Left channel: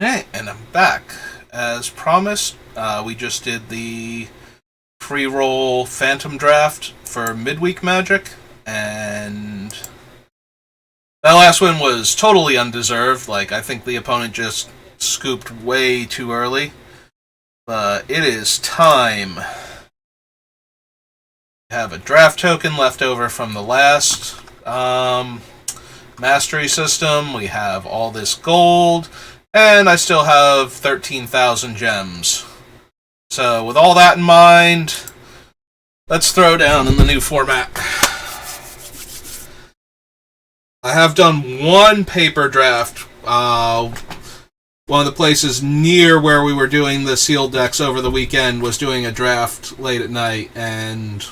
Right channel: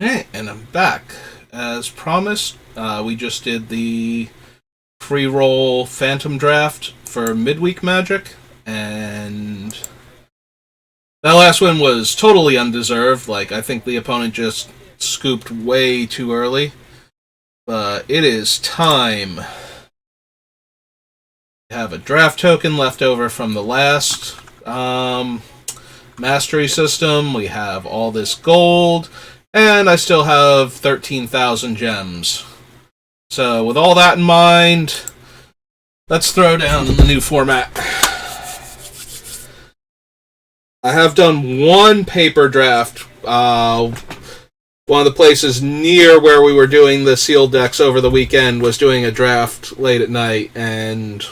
Hey, and I'm back. As promised, we just did the pre-roll Phantom Draft for Midweek Magic, and that last one was totally undeserved. Like, I think the opponent just scooped way too early. But it is time. We have a draft token left over from the last mastery system. We have all this gold, and I still have 13,000 gems. So, with all that in mind, let's throw down in the new format. I have done one paper draft. One of the places near where we were doing the sealed decks over the weekend was doing a draft late at night, and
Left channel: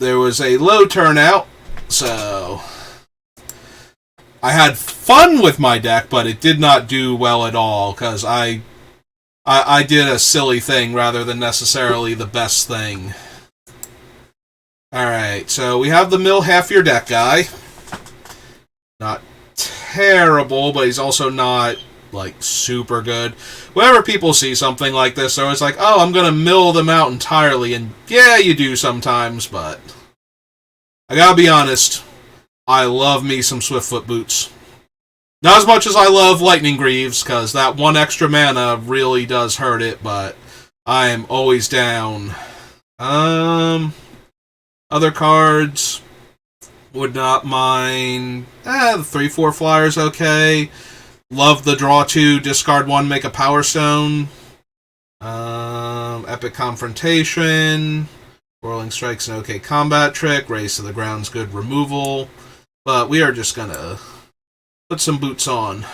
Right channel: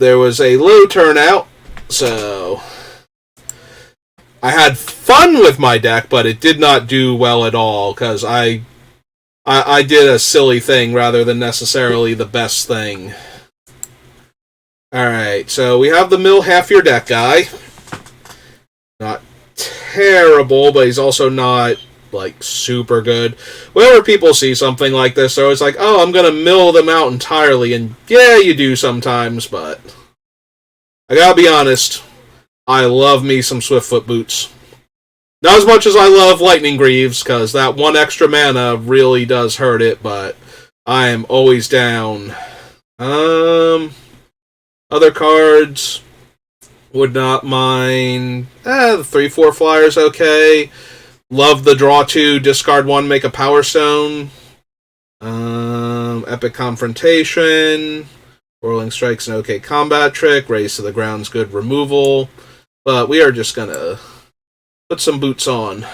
there was a low turnout, so I had fun with my deck, but it did not do well at all, because I did a silly thing rather than necessarily the best thing. Alright, so we have the mill half your deck guy. Not terrible, but he's also not, like, super good. Whenever people see something like this, they're always like, oh, I'm gonna mill them out entirely, and yeah, you do sometimes, but I gotta be honest, I love me some Swiftfoot Boots. Not as much as I love Lightning Greaves, because that one extra mana really does hurt it, but I am always down. Other cards, would not mind. The 3/4 flyer's okay. Love the draw 2, discard 1, make a Power Stone. Epic Confrontation. Whirling Strike's an okay combat trick. Raise to the ground's good removal. But we are just gonna put some boots on.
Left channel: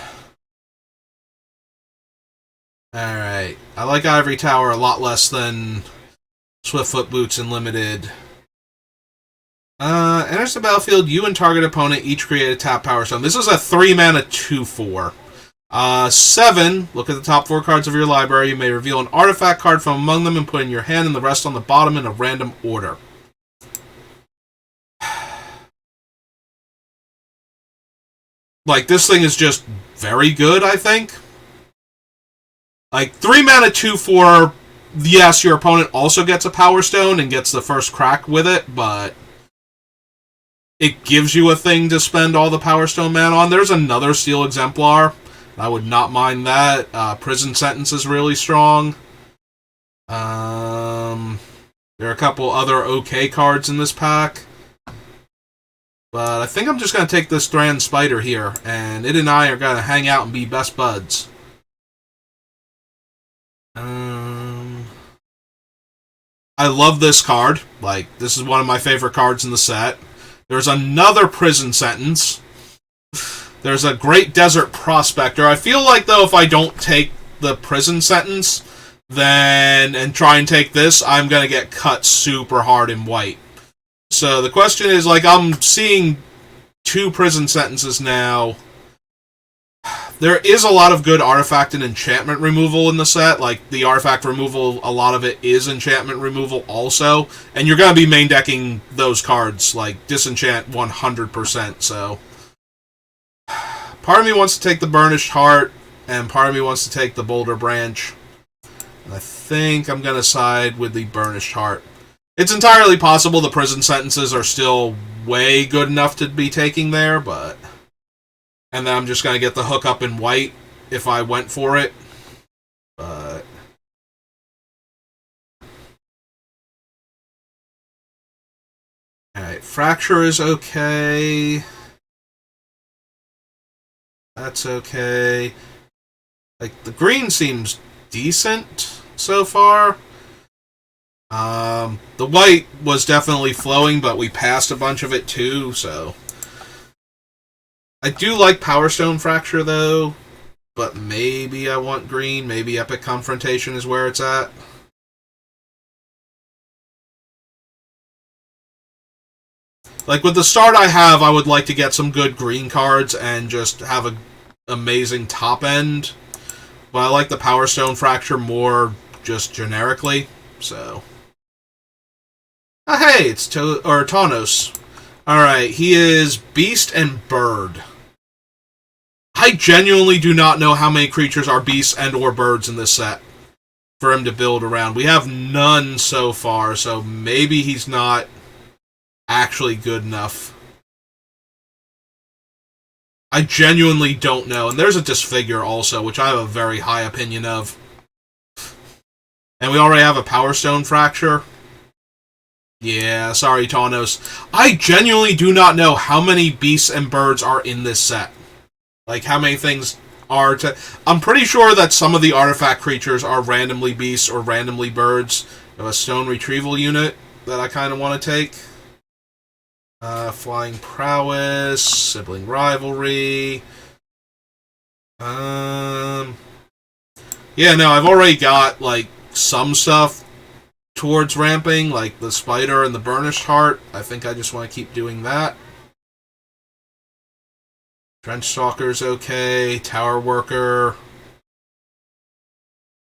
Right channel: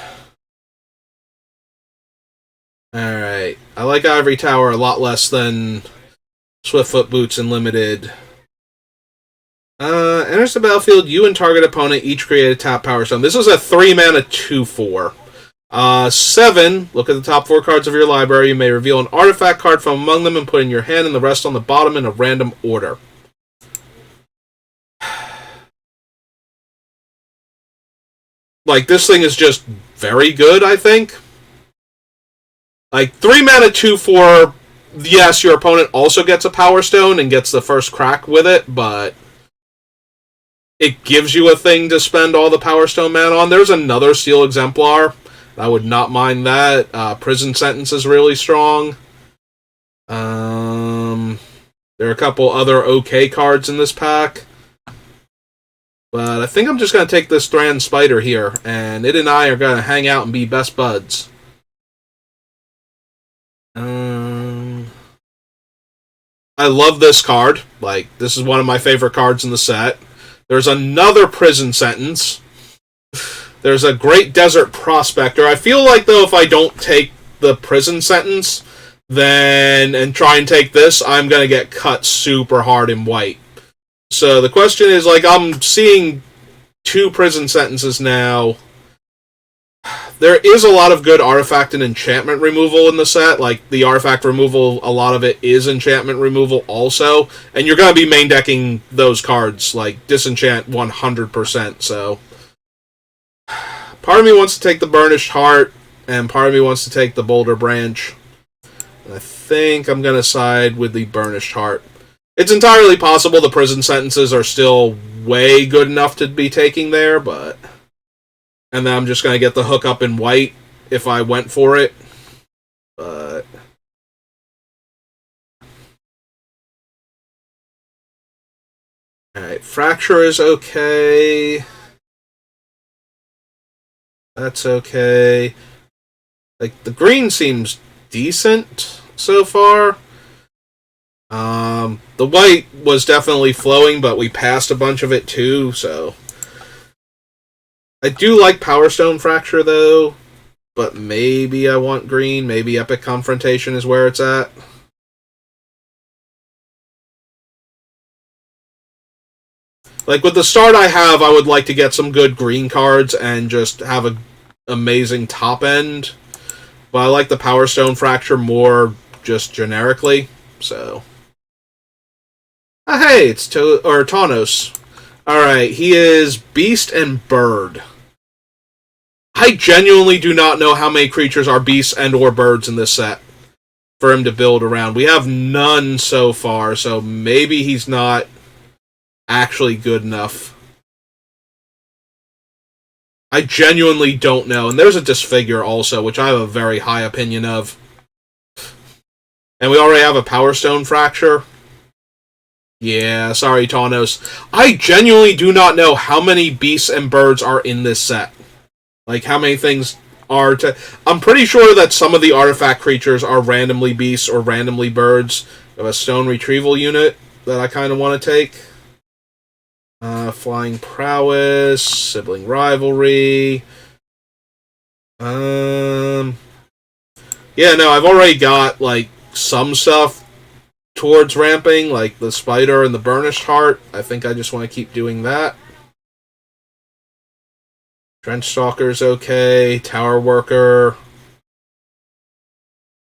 Alright. I like Ivory Tower a lot less than Swiftfoot Boots in Limited. Enters the battlefield, you and target opponent each create a tap Power Stone. This is a 3-mana 2/4. 7, look at the top 4 cards of your library. You may reveal an artifact card from among them and put in your hand, and the rest on the bottom in a random order. Like, this thing is just very good, I think. Like, 3-mana 2/4, yes, your opponent also gets a Power Stone and gets the first crack with it, but it gives you a thing to spend all the Power Stone mana on. There's another Steel Exemplar. I would not mind that. Prison Sentence is really strong. There are a couple other okay cards in this pack. But I think I'm just going to take this Thran Spider here, and it and I are going to hang out and be best buds. I love this card. Like, this is one of my favorite cards in the set. There's another Prison Sentence. There's a Great Desert Prospector. I feel like, though, if I don't take the Prison Sentence, then and try and take this, I'm going to get cut super hard in white. So the question is, like, I'm seeing 2 Prison Sentences now. There is a lot of good artifact and enchantment removal in the set. Like, the artifact removal, a lot of it is enchantment removal also. And you're going to be main decking those cards, like, disenchant 100%, so part of me wants to take the Burnished Heart, and part of me wants to take the Boulder Branch. And I think I'm going to side with the Burnished Heart. It's entirely possible the Prison Sentences are still way good enough to be taking there, but and then I'm just going to get the hook up in white if I went for it. But alright, Fracture is okay. That's okay. Like, the green seems decent so far. The white was definitely flowing, but we passed a bunch of it too, so I do like Power Stone Fracture, though, but maybe I want green. Maybe Epic Confrontation is where it's at. Like, with the start I have, I would like to get some good green cards and just have an amazing top end. But I like the Power Stone Fracture more just generically, so hey, it's Tawnos. Alright, he is Beast and Bird. I genuinely do not know how many creatures are beasts and or birds in this set for him to build around. We have none so far, so maybe he's not actually good enough. I genuinely don't know. And there's a Disfigure also, which I have a very high opinion of. And we already have a Power Stone Fracture. Yeah, sorry, Tawnos. I genuinely do not know how many beasts and birds are in this set. Like, how many things are to... I'm pretty sure that some of the artifact creatures are randomly beasts or randomly birds. We have a Stone Retrieval unit that I kind of want to take. Flying Prowess, Sibling Rivalry. Yeah, no, I've already got, like, some stuff towards ramping, like the Spider and the Burnished Heart. I think I just want to keep doing that. Trench Stalker's okay. Tower Worker.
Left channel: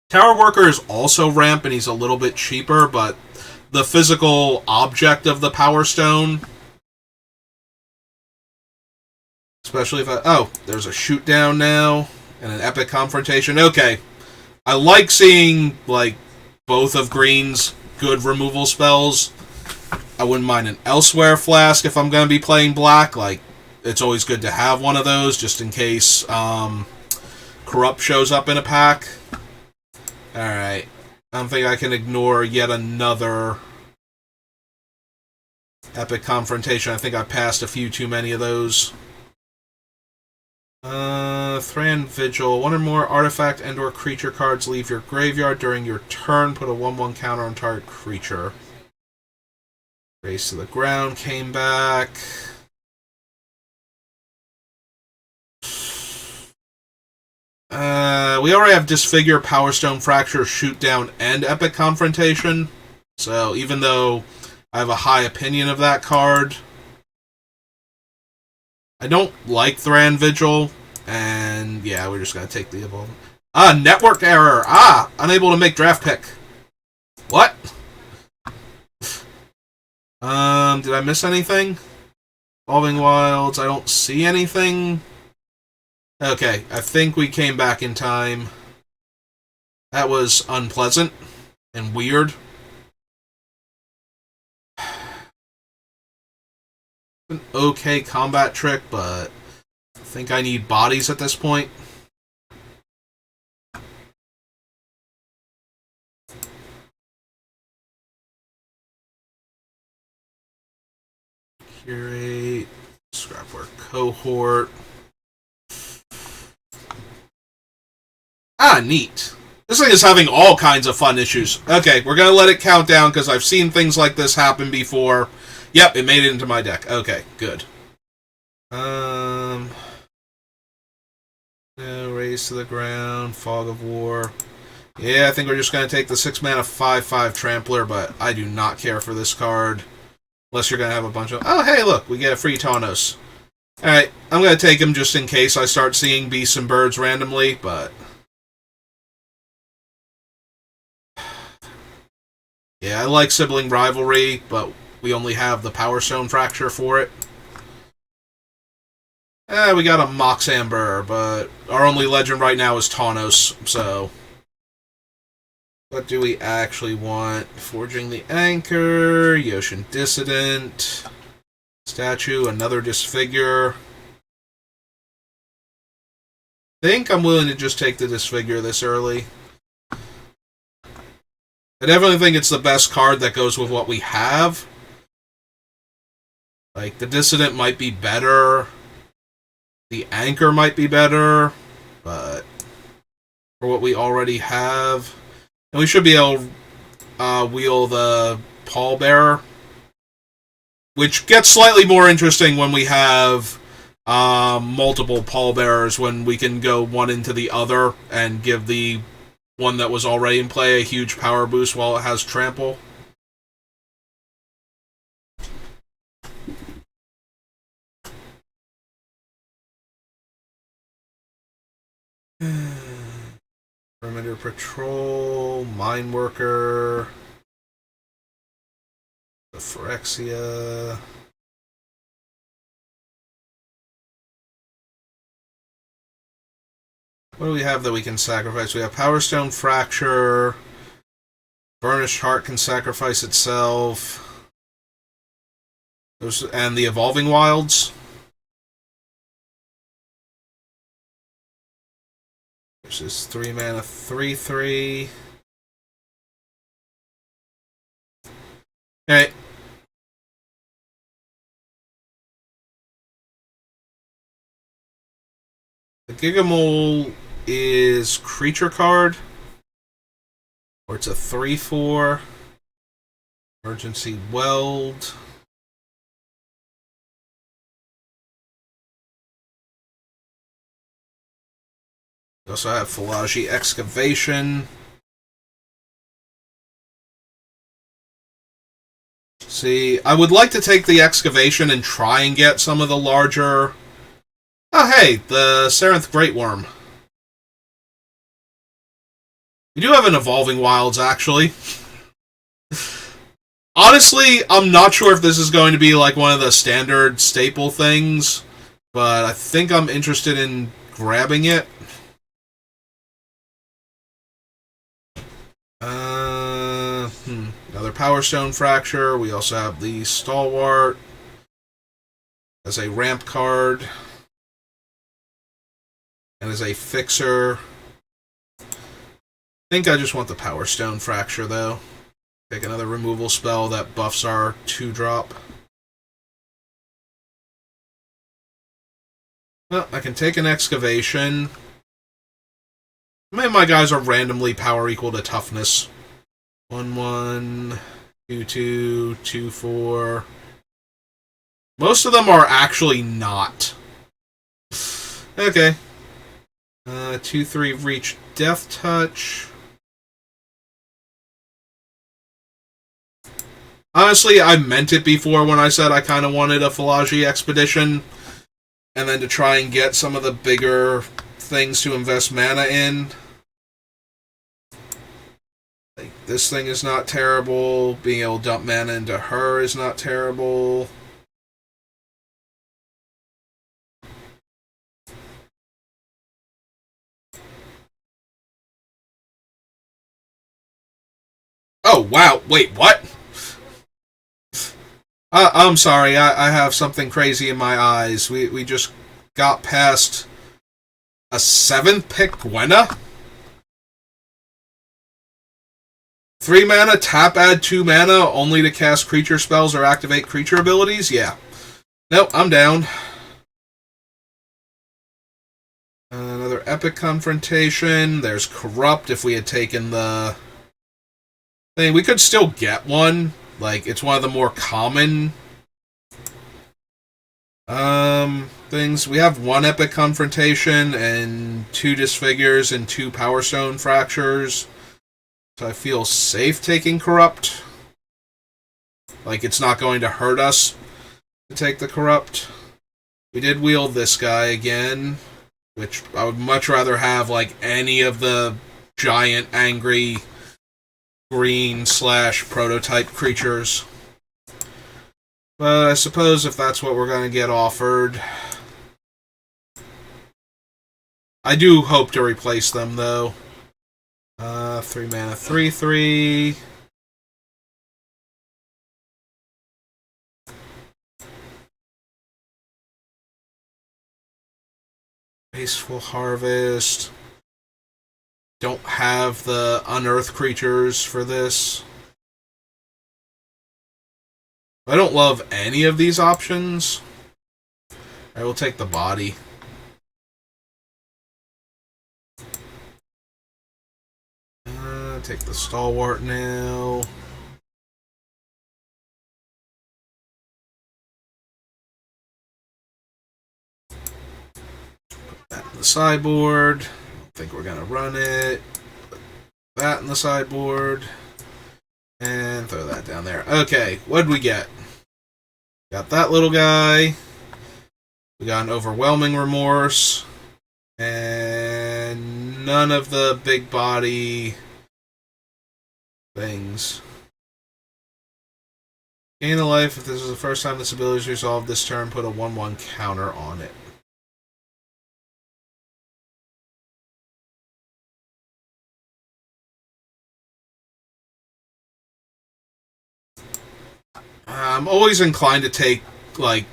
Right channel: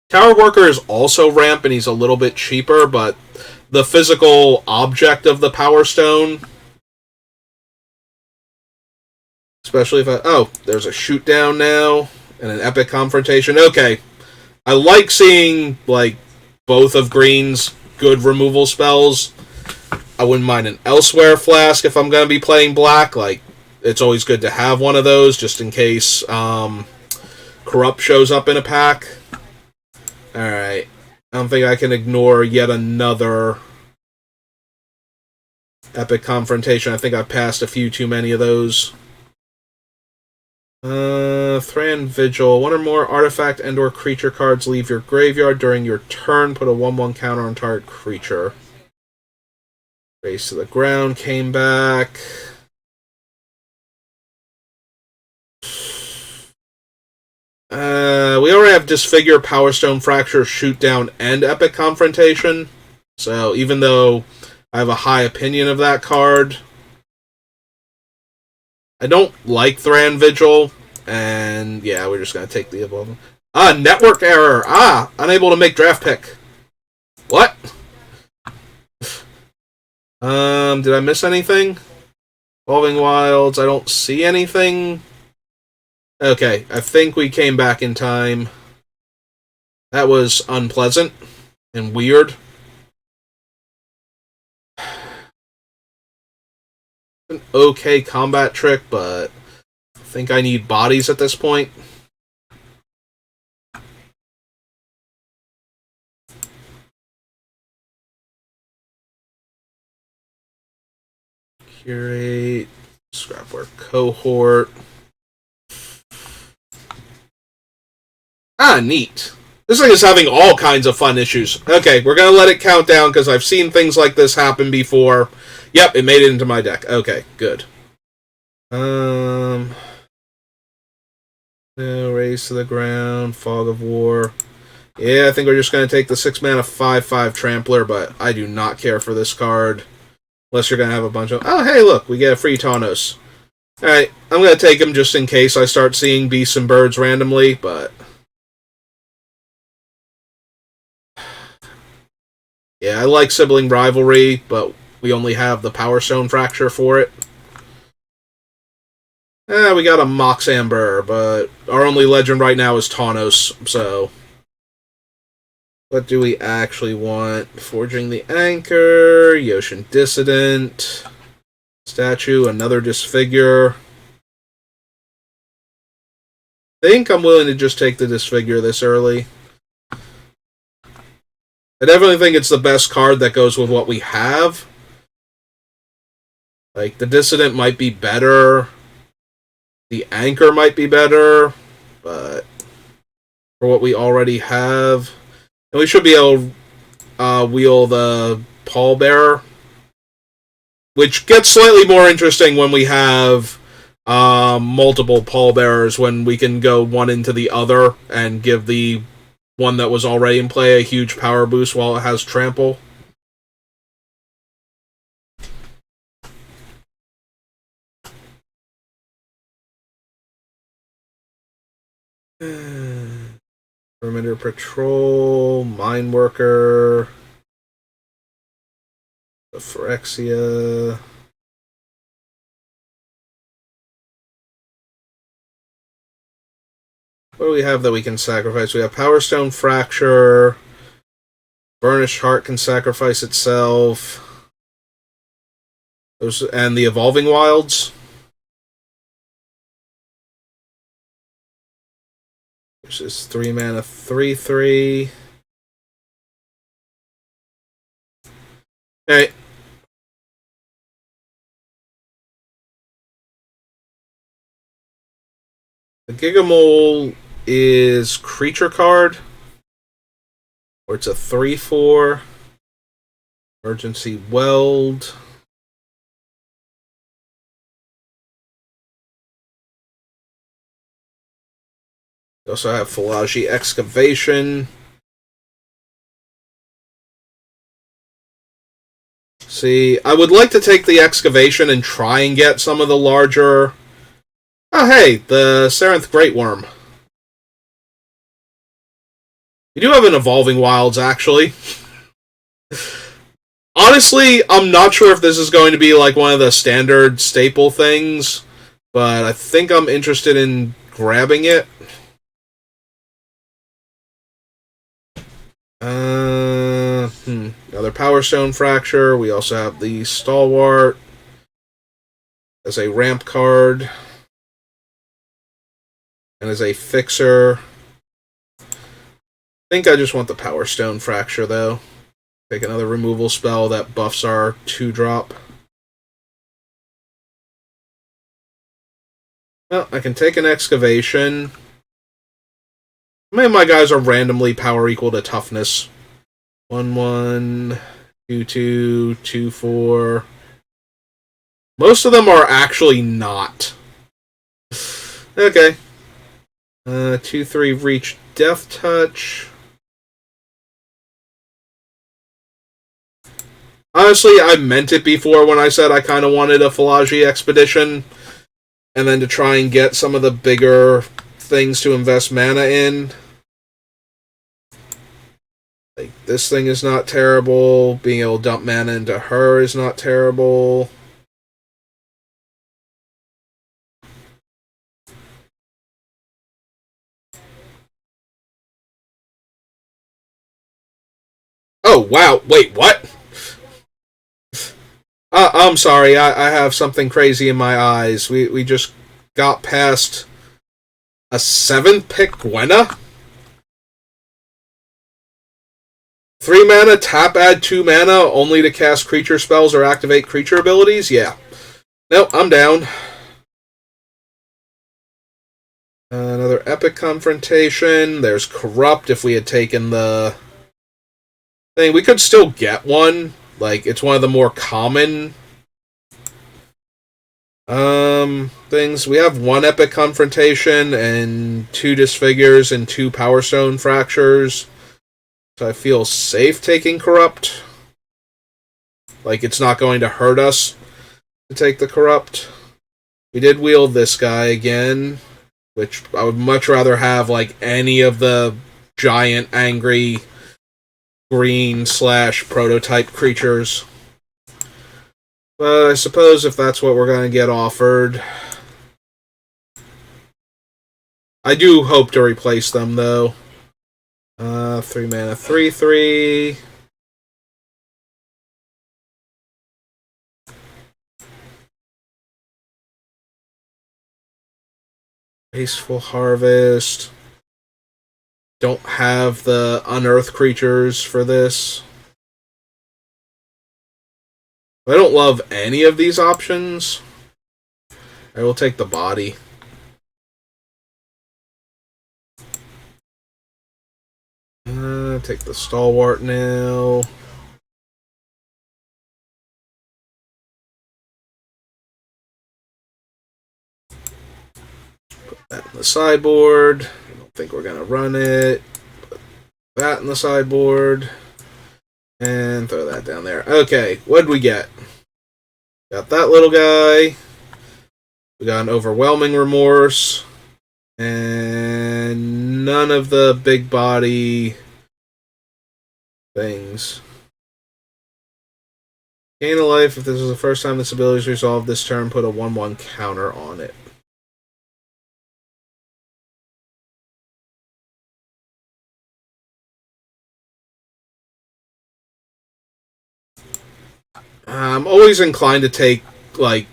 Tower Worker is also ramp, and he's a little bit cheaper, but the physical object of the Power Stone, especially if I... Oh, there's a shoot down now, and an Epic Confrontation. Okay. I like seeing, like, both of Green's good removal spells. I wouldn't mind an Elsewhere Flask if I'm going to be playing black. Like, it's always good to have one of those, just in case Corrupt shows up in a pack. Alright. I don't think I can ignore yet another Epic Confrontation. I think I've passed a few too many of those. Thran Vigil. One or more artifact and or creature cards leave your graveyard during your turn. Put a 1/1 counter on target creature. Race to the Ground came back. We already have Disfigure, Power Stone Fracture, Shoot Down, and Epic Confrontation. So even though I have a high opinion of that card, I don't like Thran Vigil. And yeah, we're just going to take the above. Network error. Unable to make draft pick. What? Did I miss anything? Evolving Wilds, I don't see anything. Okay, I think we came back in time. That was unpleasant and weird. An okay combat trick, but I think I need bodies at this point. Curate, Scrapwork Cohort. Neat. This thing is having all kinds of fun issues. Okay, we're going to let it count down because I've seen things like this happen before. Yep, it made it into my deck. Okay, good. No, Race to the Ground, Fog of War. Yeah, I think we're just going to take the 6-mana 5/5 Trampler, but I do not care for this card. Unless you're going to have a bunch of... Oh, hey, look, we get a free Tawnos. Alright, I'm going to take him just in case I start seeing beasts and birds randomly, but... Yeah, I like Sibling Rivalry, but we only have the Power Stone Fracture for it. We got a Mox Amber, but our only legend right now is Tawnos, so... What do we actually want? Forging the Anchor, Yoshin Dissident, Statue, another Disfigure. I think I'm willing to just take the Disfigure this early. I definitely think it's the best card that goes with what we have. Like, the Dissident might be better. The Anchor might be better. But for what we already have... And we should be able to wheel the Pallbearer. Which gets slightly more interesting when we have multiple Pallbearers, when we can go one into the other and give the one that was already in play a huge power boost while it has Trample. Perimeter Patrol, Mine Worker, the Phyrexia. What do we have that we can sacrifice? We have Power Stone Fracture. Burnished Heart can sacrifice itself. And the Evolving Wilds. Which is 3 mana, 3/3. Alright. The Gigamole is creature card. Or it's a 3/4. Emergency Weld. We also have Phalagi Excavation. See, I would like to take the Excavation and try and get some of the larger... Oh, hey, the Sarenth Great Worm. You do have an Evolving Wilds, actually. Honestly, I'm not sure if this is going to be like one of the standard staple things, but I think I'm interested in grabbing it. Another Power Stone Fracture. We also have the Stalwart as a ramp card and as a fixer. I think I just want the Power Stone Fracture, though. Take another removal spell that buffs our 2-drop. Well, I can take an Excavation. Many of my guys are randomly power equal to toughness. 1/1, 2/2, 2/4. Most of them are actually not. Okay. 2/3 reach Death Touch. Honestly, I meant it before when I said I kind of wanted a Phalagi Expedition, and then to try and get some of the bigger things to invest mana in. Like, this thing is not terrible. Being able to dump mana into her is not terrible. Oh, wow. Wait, what? I'm sorry. I have something crazy in my eyes. We just got past a 7th pick Gwenna? 3 mana, tap, add 2 mana, only to cast creature spells or activate creature abilities? Yeah. Nope, I'm down. Another Epic Confrontation. There's Corrupt if we had taken the thing. We could still get one. Like, it's one of the more common things. We have 1 Epic Confrontation and 2 Disfigures and 2 Power Stone Fractures. So I feel safe taking Corrupt. Like, it's not going to hurt us to take the Corrupt. We did wield this guy again, which I would much rather have, like, any of the giant, angry, green / prototype creatures. But I suppose if that's what we're going to get offered... I do hope to replace them, though. 3 mana, 3/3. Wasteful Harvest. Don't have the unearth creatures for this. I don't love any of these options. I will take the body. Take the Stalwart now. Put that in the sideboard. I don't think we're going to run it. Put that in the sideboard. And throw that down there. Okay, what'd we get? Got that little guy. We got an Overwhelming Remorse. And none of the big body things. Gain a life. If this is the first time this ability is resolved this turn, put a 1/1 counter on it. I'm always inclined to take, like,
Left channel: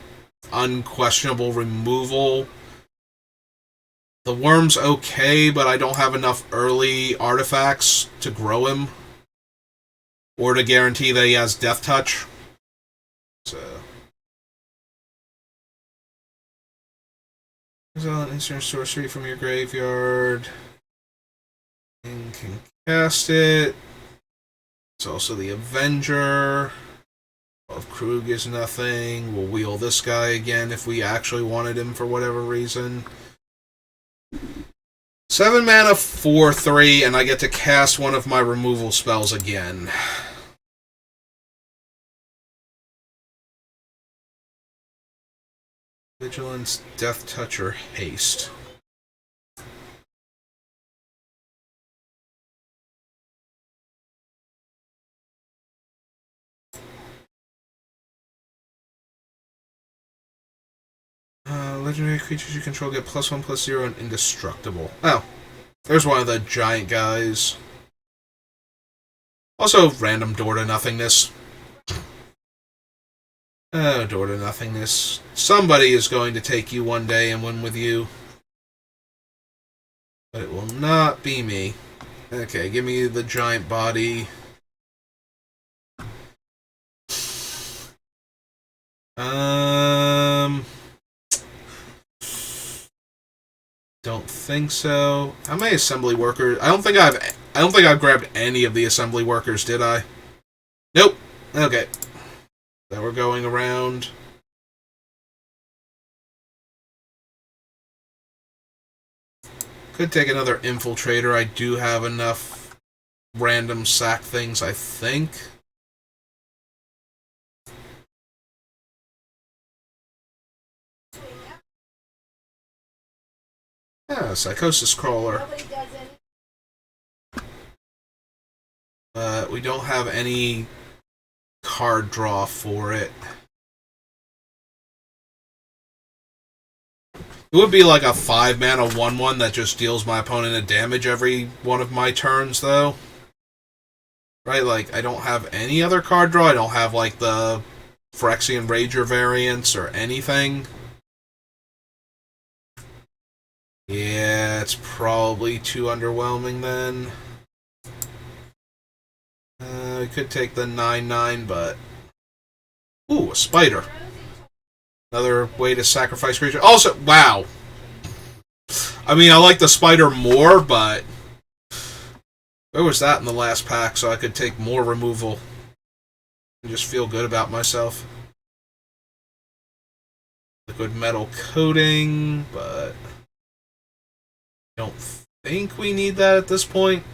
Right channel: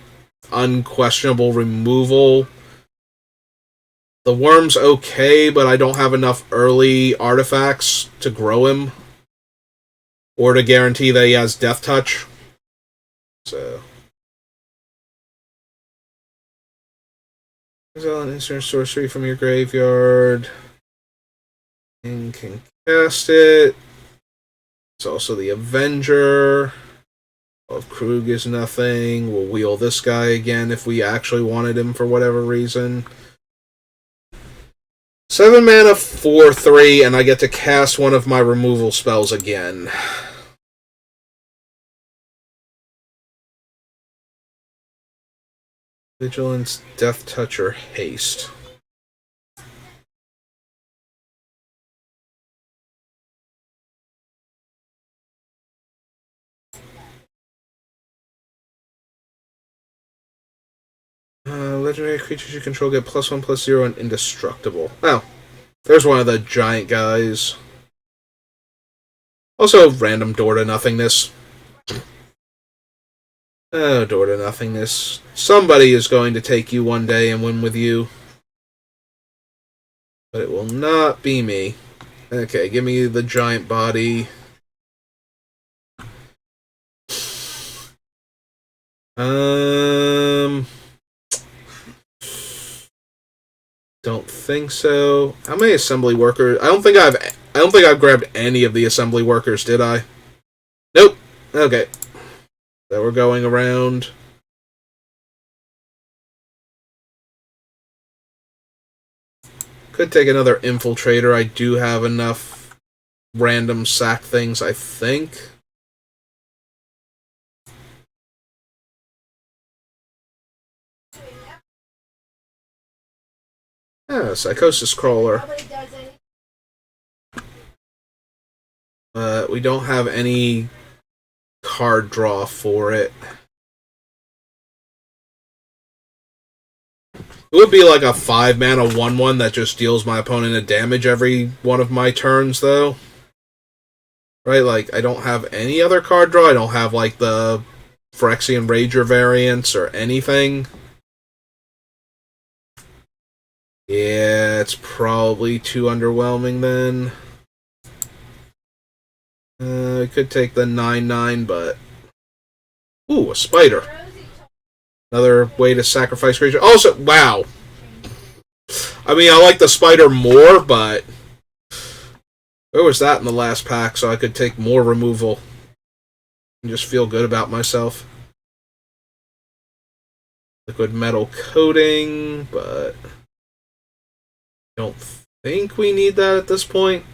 unquestionable removal. The worm's okay, but I don't have enough early artifacts to grow him. Or to guarantee that he has Death Touch. So. Exile an instant sorcery from your graveyard. And can cast it. It's also the Avenger. Of Krug is nothing. We'll wheel this guy again if we actually wanted him for whatever reason. 7 mana, 4/3, and I get to cast one of my removal spells again. Vigilance, Death Touch, or Haste. Legendary creatures you control get +1/+0 and indestructible. Oh, there's one of the giant guys. Also, random door to nothingness. Oh, door to nothingness. Somebody is going to take you one day and win with you. But it will not be me. Okay, give me the giant body. Don't think so. How many assembly workers? I don't think I've grabbed any of the assembly workers, did I? Nope. Okay. So we're going around. Could take another infiltrator. I do have enough random sack things, I think. Yeah, Psychosis Crawler. We don't have any card draw for it. It would be like a 5 mana 1/1 that just deals my opponent a damage every one of my turns, though. Right, like, I don't have any other card draw. I don't have, like, the Phyrexian Rager variants or anything. Yeah, it's probably too underwhelming then. I could take the 9/9, but... Ooh, a spider. Another way to sacrifice creature. Also, wow. I mean, I like the spider more, but... Where was that in the last pack, so I could take more removal and just feel good about myself. Liquid metal coating, but... don't think we need that at this point.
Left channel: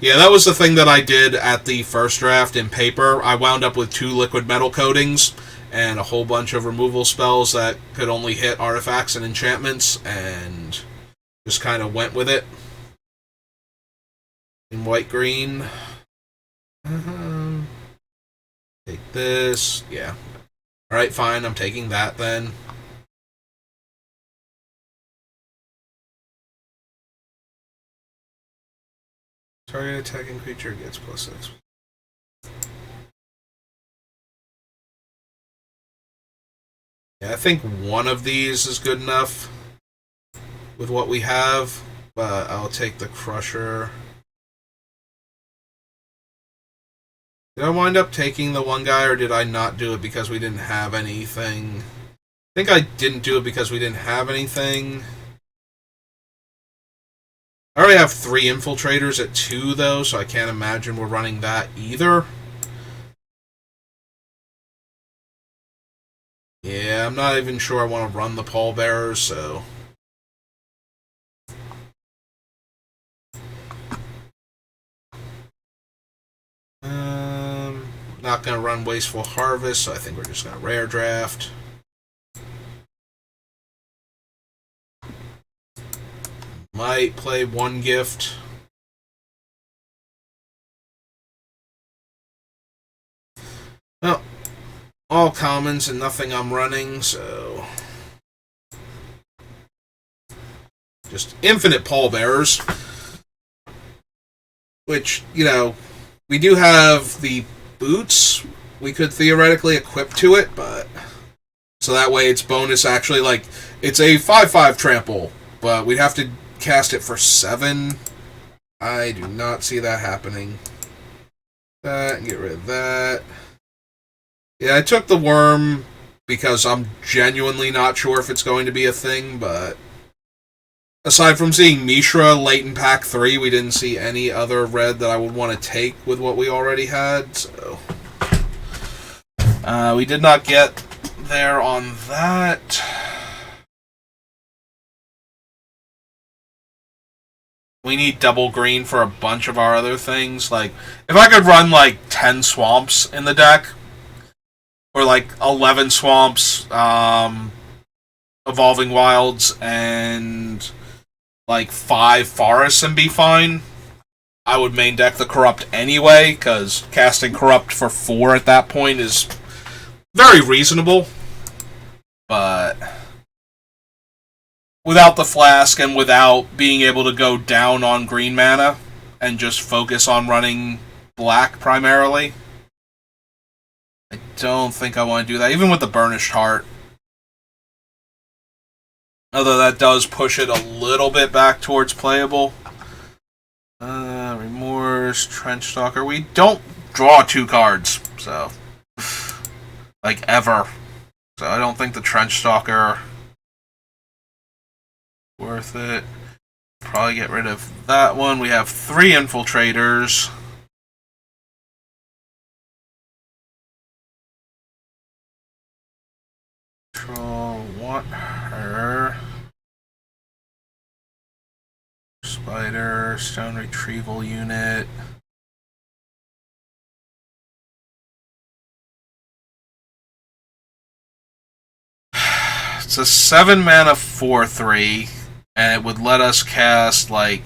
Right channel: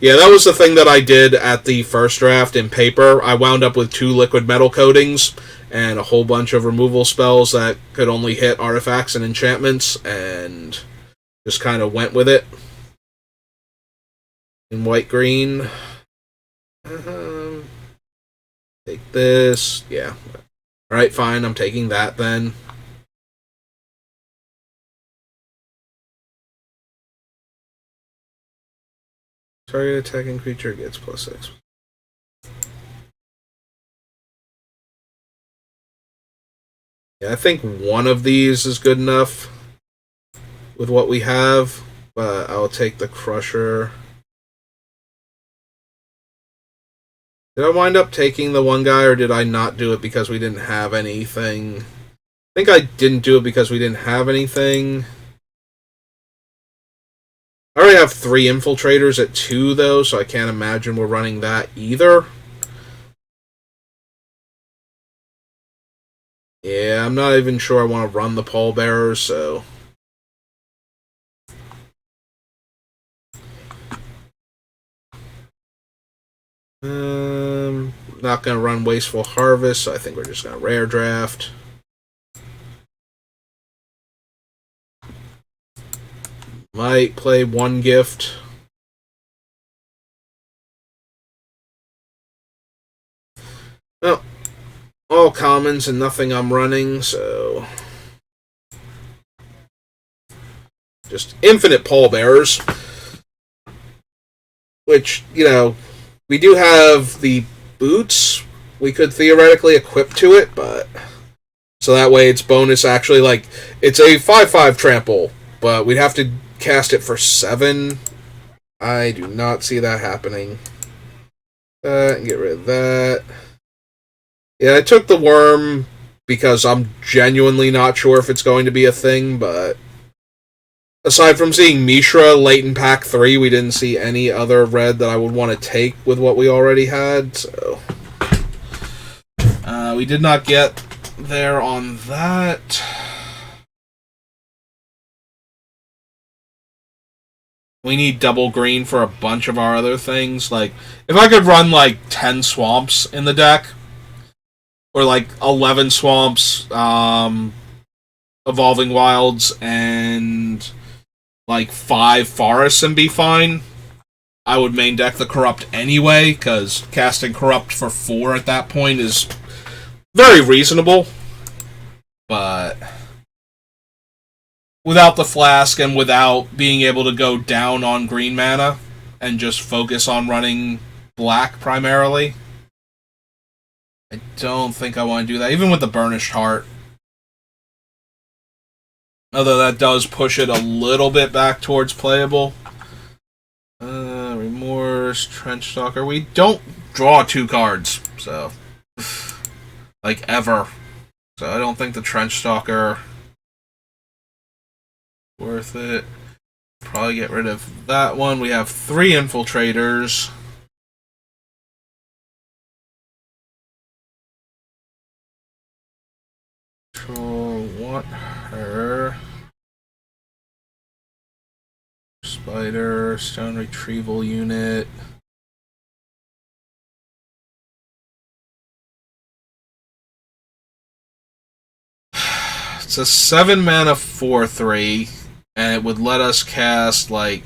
Yeah, that was the thing that I did at the first draft in paper. I wound up with 2 liquid metal coatings and a whole bunch of removal spells that could only hit artifacts and enchantments, and just kind of went with it. In white-green. Take this. Yeah. Alright, fine. I'm taking that then. Target attacking creature gets +6. Yeah, I think one of these is good enough with what we have, but I'll take the Crusher. Did I wind up taking the one guy, or did I not do it because we didn't have anything? I think I didn't do it because we didn't have anything. I already have 3 infiltrators at 2, though, so I can't imagine we're running that either. Yeah, I'm not even sure I want to run the pallbearers, so... not going to run Wasteful Harvest, so I think we're just going to rare draft. Might play 1 gift. Well, all commons and nothing I'm running, so... just infinite pallbearers. Which, you know, we do have the boots, we could theoretically equip to it, but so that way it's bonus actually, like, it's a 5/5 trample, but we'd have to cast it for 7. I do not see that happening. That, get rid of that. Yeah, I took the worm because I'm genuinely not sure if it's going to be a thing, but aside from seeing Mishra late in pack 3, we didn't see any other red that I would want to take with what we already had, so we did not get there on that. We need double green for a bunch of our other things. Like, if I could run like 10 swamps in the deck, or like 11 swamps, evolving wilds, and like 5 forests and be fine, I would main deck the corrupt anyway, because casting corrupt for 4 at that point is very reasonable. But without the flask and without being able to go down on green mana and just focus on running black primarily, I don't think I want to do that, even with the Burnished Heart. Although that does push it a little bit back towards playable. Remorse, Trenchstalker. We don't draw 2 cards, so like ever. So I don't think the Trenchstalker worth it. Probably get rid of that one. We have 3 Infiltrators. Control, want her. Spider, Stone Retrieval Unit. It's a 7 mana 4/3, and it would let us cast like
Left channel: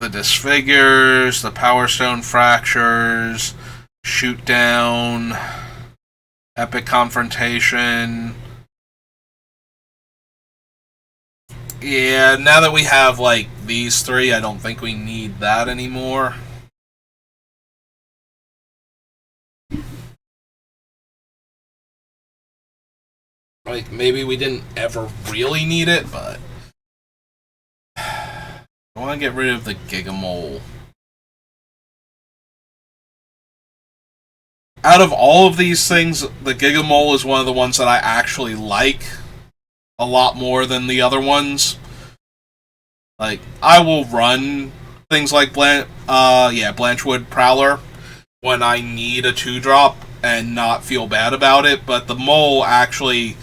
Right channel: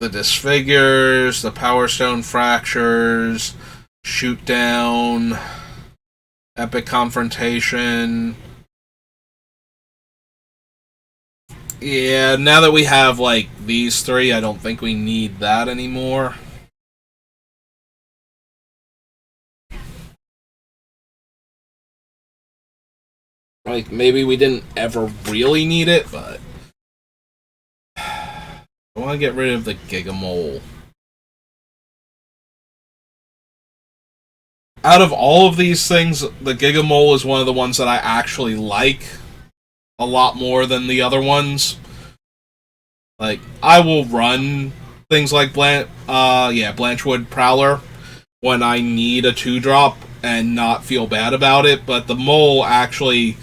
the Disfigures, the Power Stone Fractures, Shoot Down, Epic Confrontation. Yeah, now that we have like these 3, I don't think we need that anymore. Like, maybe we didn't ever really need it, but I want to get rid of the Gigamole. Out of all of these things, the Gigamole is one of the ones that I actually like a lot more than the other ones. Like, I will run things like Blanchwood Prowler when I need a 2-drop and not feel bad about it, but the mole actually,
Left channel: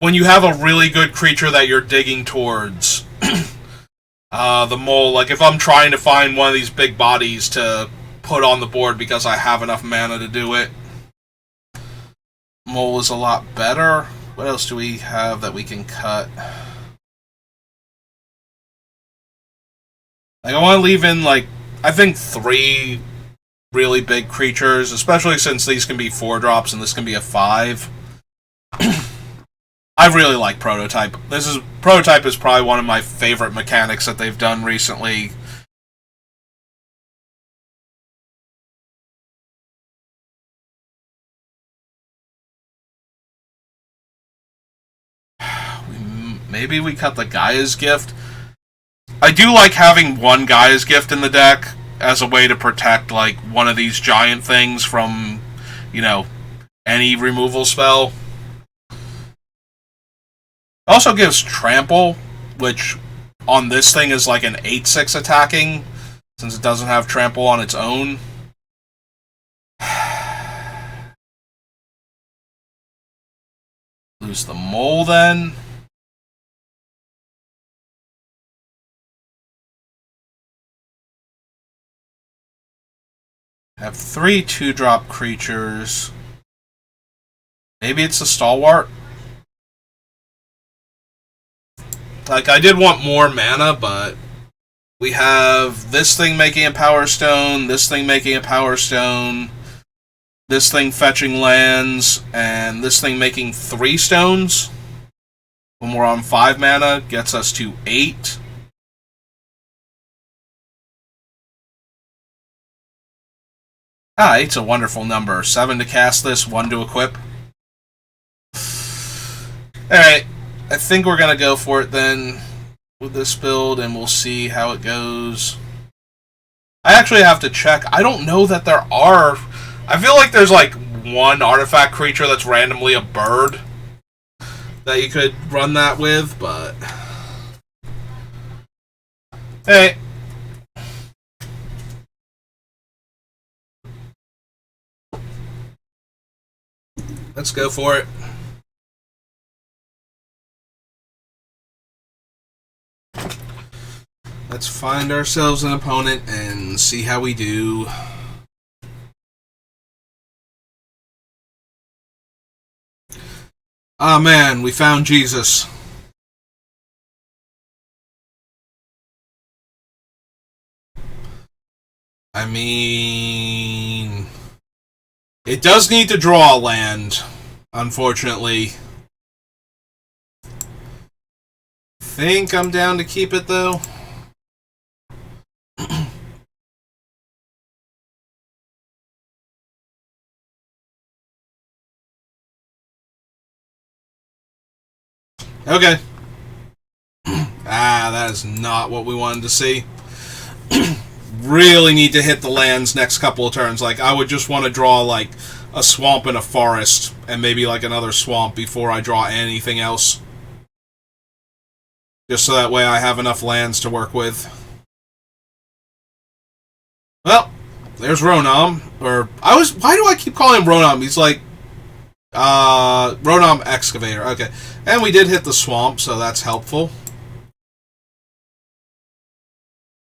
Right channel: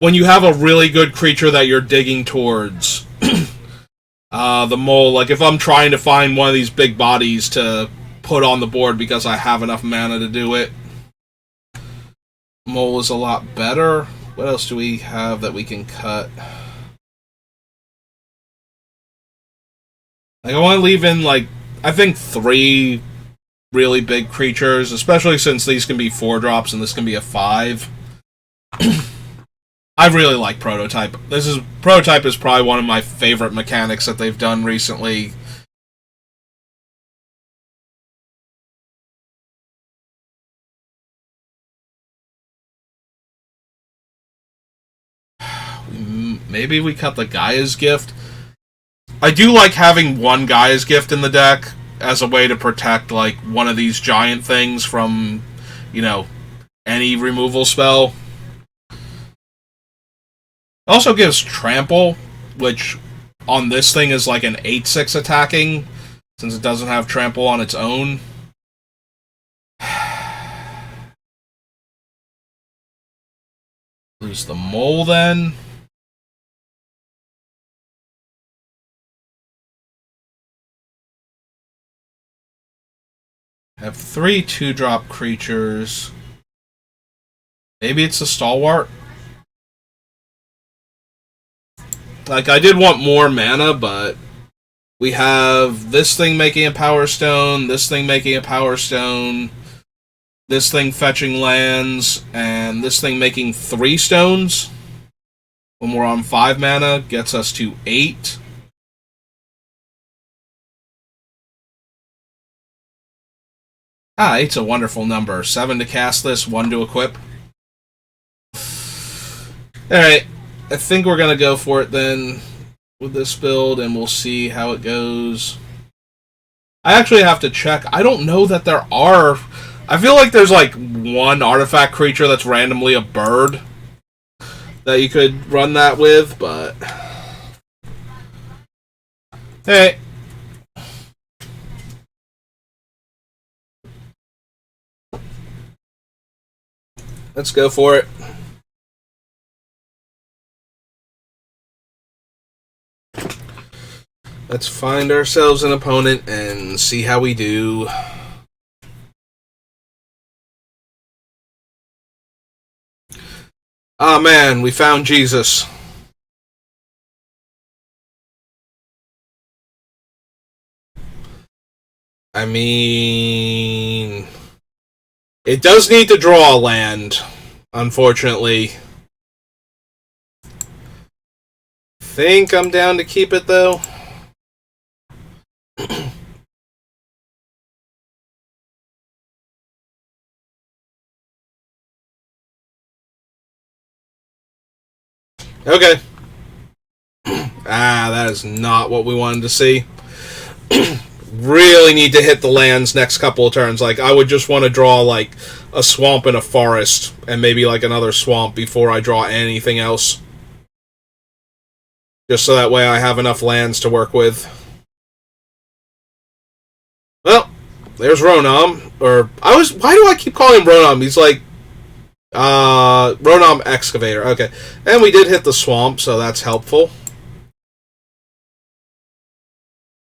when you have a really good creature that you're digging towards, the mole, like if I'm trying to find one of these big bodies to put on the board because I have enough mana to do it, mole is a lot better. What else do we have that we can cut? Like, I want to leave in, like, I think 3 really big creatures, especially since these can be 4-drops and this can be a 5. I really like Prototype. Prototype is probably one of my favorite mechanics that they've done recently. Maybe we cut the Gaia's Gift. I do like having one Gaia's Gift in the deck as a way to protect, like, one of these giant things from, any removal spell. Also gives Trample, which on this thing is like an 8/6 attacking, since it doesn't have Trample on its own. Lose the mole then. Have 3 2-drop creatures. Maybe it's a Stalwart. Like, I did want more mana, but we have this thing making a Power Stone, this thing making a Power Stone, this thing fetching lands, and this thing making 3 stones. When we're on 5 mana, gets us to 8. Ah, 8's a wonderful number. 7 to cast this, 1 to equip. Alright, I think we're going to go for it then with this build, and we'll see how it goes. I actually have to check. I don't know that there are... I feel like there's like one artifact creature that's randomly a bird that you could run that with, but... Hey. Let's go for it. Let's find ourselves an opponent and see how we do. Ah, man, we found Jesus. I mean... It does need to draw a land, unfortunately. Think I'm down to keep it, though. Okay. That is not what we wanted to see. Really need to hit the lands next couple of turns. Like, I would just want to draw, like, a swamp and a forest, and maybe, like, another swamp before I draw anything else. Just so that way I have enough lands to work with. Well, there's Ronom. Why do I keep calling him Ronom? He's like... Ronom Excavator. Okay. And we did hit the swamp, so that's helpful.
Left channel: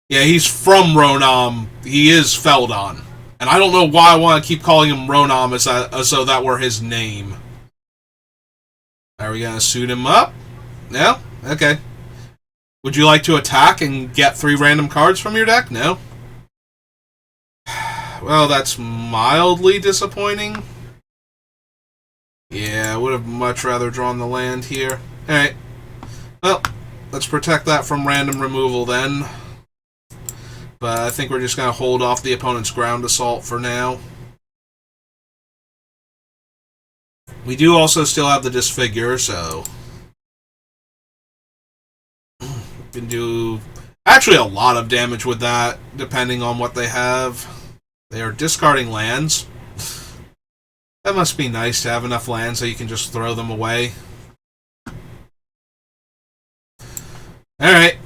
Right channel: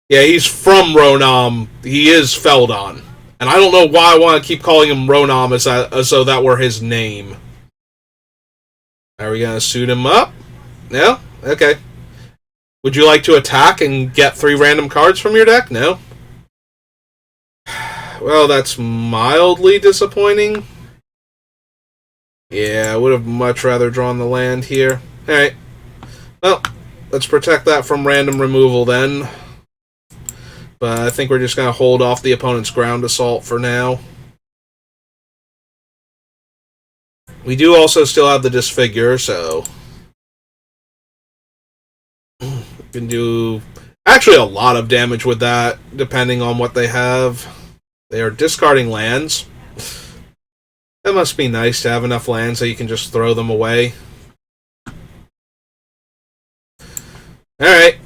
Yeah, he's from Ronom. He is Feldon. And I don't know why I want to keep calling him Ronom as though that were his name. Are we going to suit him up? No? Okay. Would you like to attack and get 3 random cards from your deck? No? Well, that's mildly disappointing. Yeah, I would have much rather drawn the land here. Alright. Well, let's protect that from random removal then. But I think we're just going to hold off the opponent's ground assault for now. We do also still have the Disfigure, so... we can do actually a lot of damage with that, depending on what they have. They are discarding lands. That must be nice to have enough lands that you can just throw them away. Alright.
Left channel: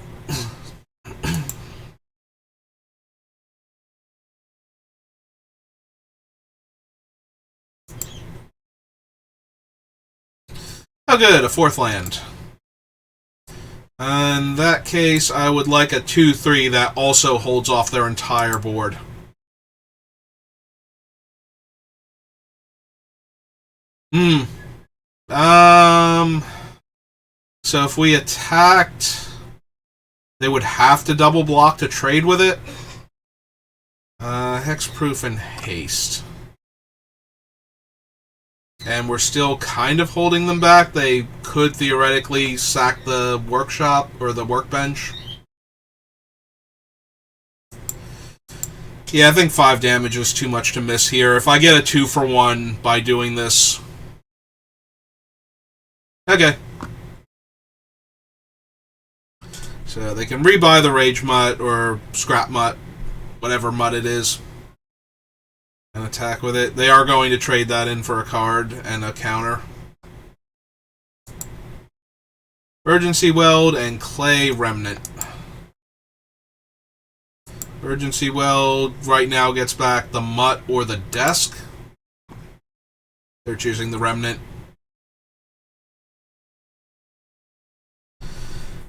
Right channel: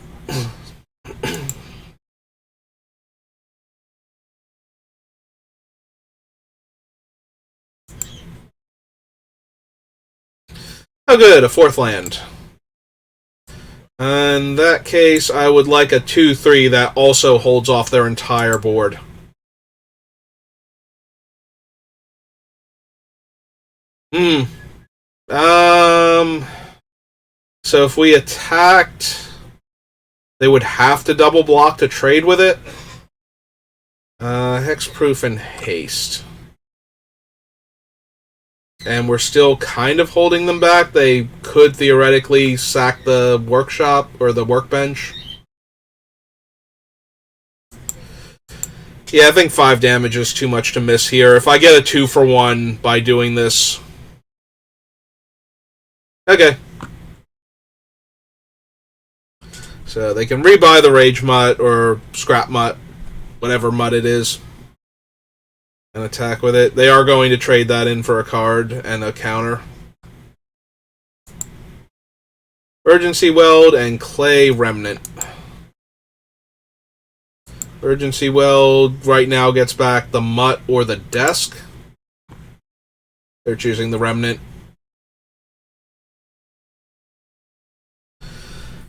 Oh good, a 4th land. In that case, I would like a 2/3 that also holds off their entire board. So if we attacked, they would have to double block to trade with it. Hexproof and haste. And we're still kind of holding them back. They could theoretically sack the workshop or the workbench. Yeah, I think 5 damage is too much to miss here. If I get a 2-for-1 by doing this... Okay. So they can rebuy the Rage Mutt or Scrap Mutt, whatever Mutt it is, and attack with it. They are going to trade that in for a card and a counter. Urgency Weld and Clay Remnant. Urgency Weld right now gets back the Mutt or the Desk. They're choosing the Remnant.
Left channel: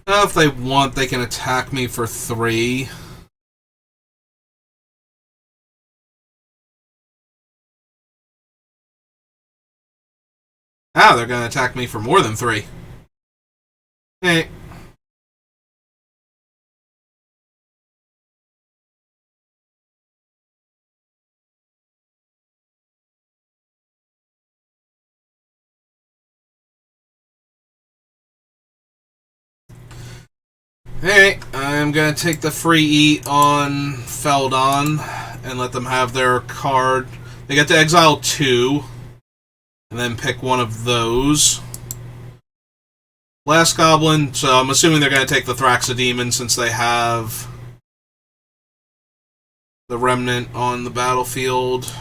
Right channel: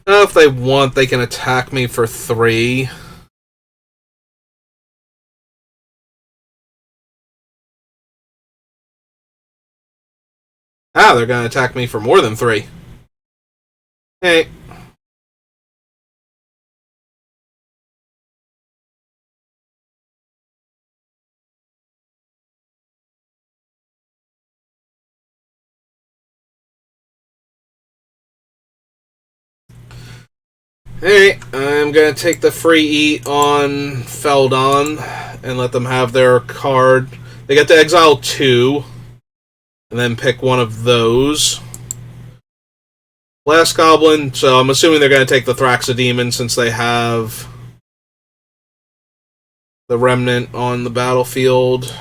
If they want, they can attack me for 3. They're going to attack me for more than 3. Hey. Hey, I'm going to take the free eat on Feldon and let them have their card. They get to exile 2, and then pick one of those. Last Goblin, so I'm assuming they're going to take the Thraxodemon since they have the Remnant on the battlefield.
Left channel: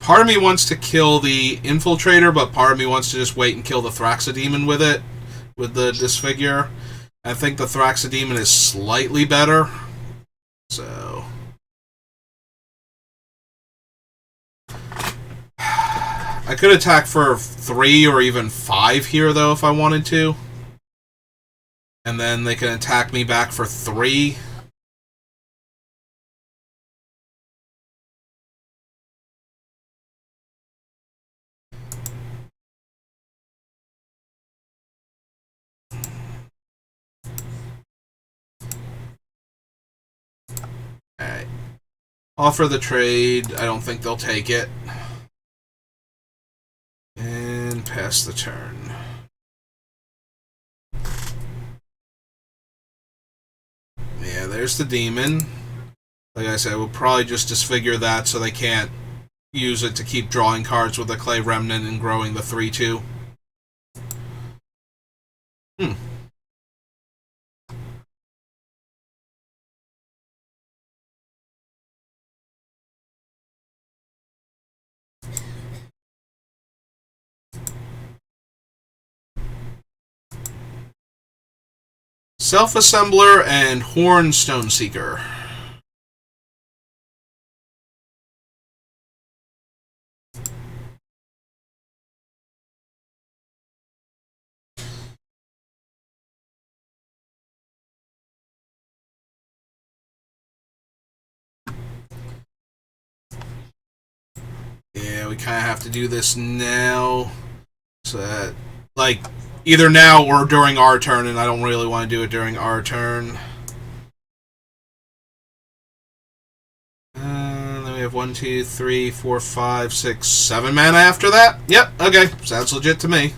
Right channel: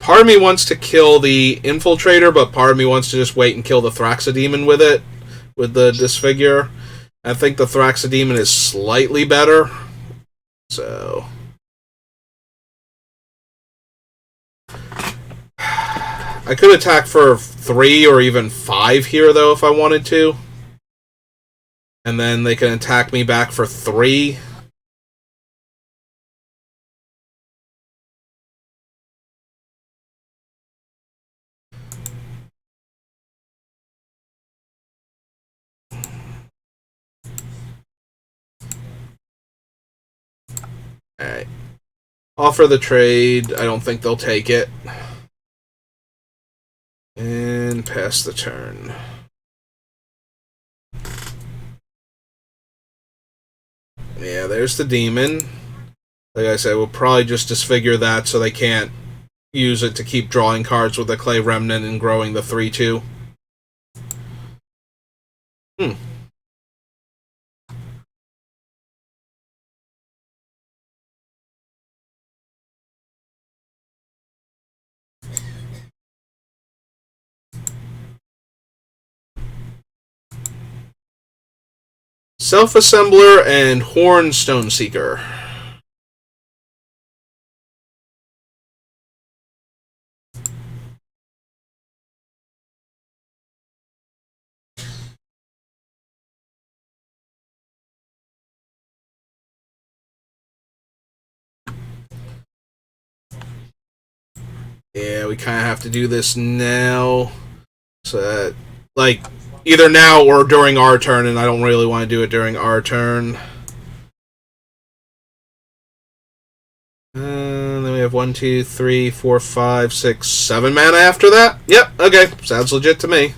Part of me wants to kill the Infiltrator, but part of me wants to just wait and kill the Thraxodemon with it, with the Disfigure. I think the Thraxodemon is slightly better, so... I could attack for 3 or even 5 here, though, if I wanted to. And then they can attack me back for 3. Alright. Offer the trade. I don't think they'll take it. And pass the turn. Yeah, there's the demon. Like I said, we'll probably just disfigure that so they can't use it to keep drawing cards with the Clay Remnant and growing the 3-2. Self-Assembler and Horn Stoneseeker. Yeah, we kind of have to do this now. So that, like, either now or during our turn, and I don't really want to do it during our turn. And then we have 1, 2, 3, 4, 5, 6, 7 mana after that? Yep, okay. Sounds legit to me.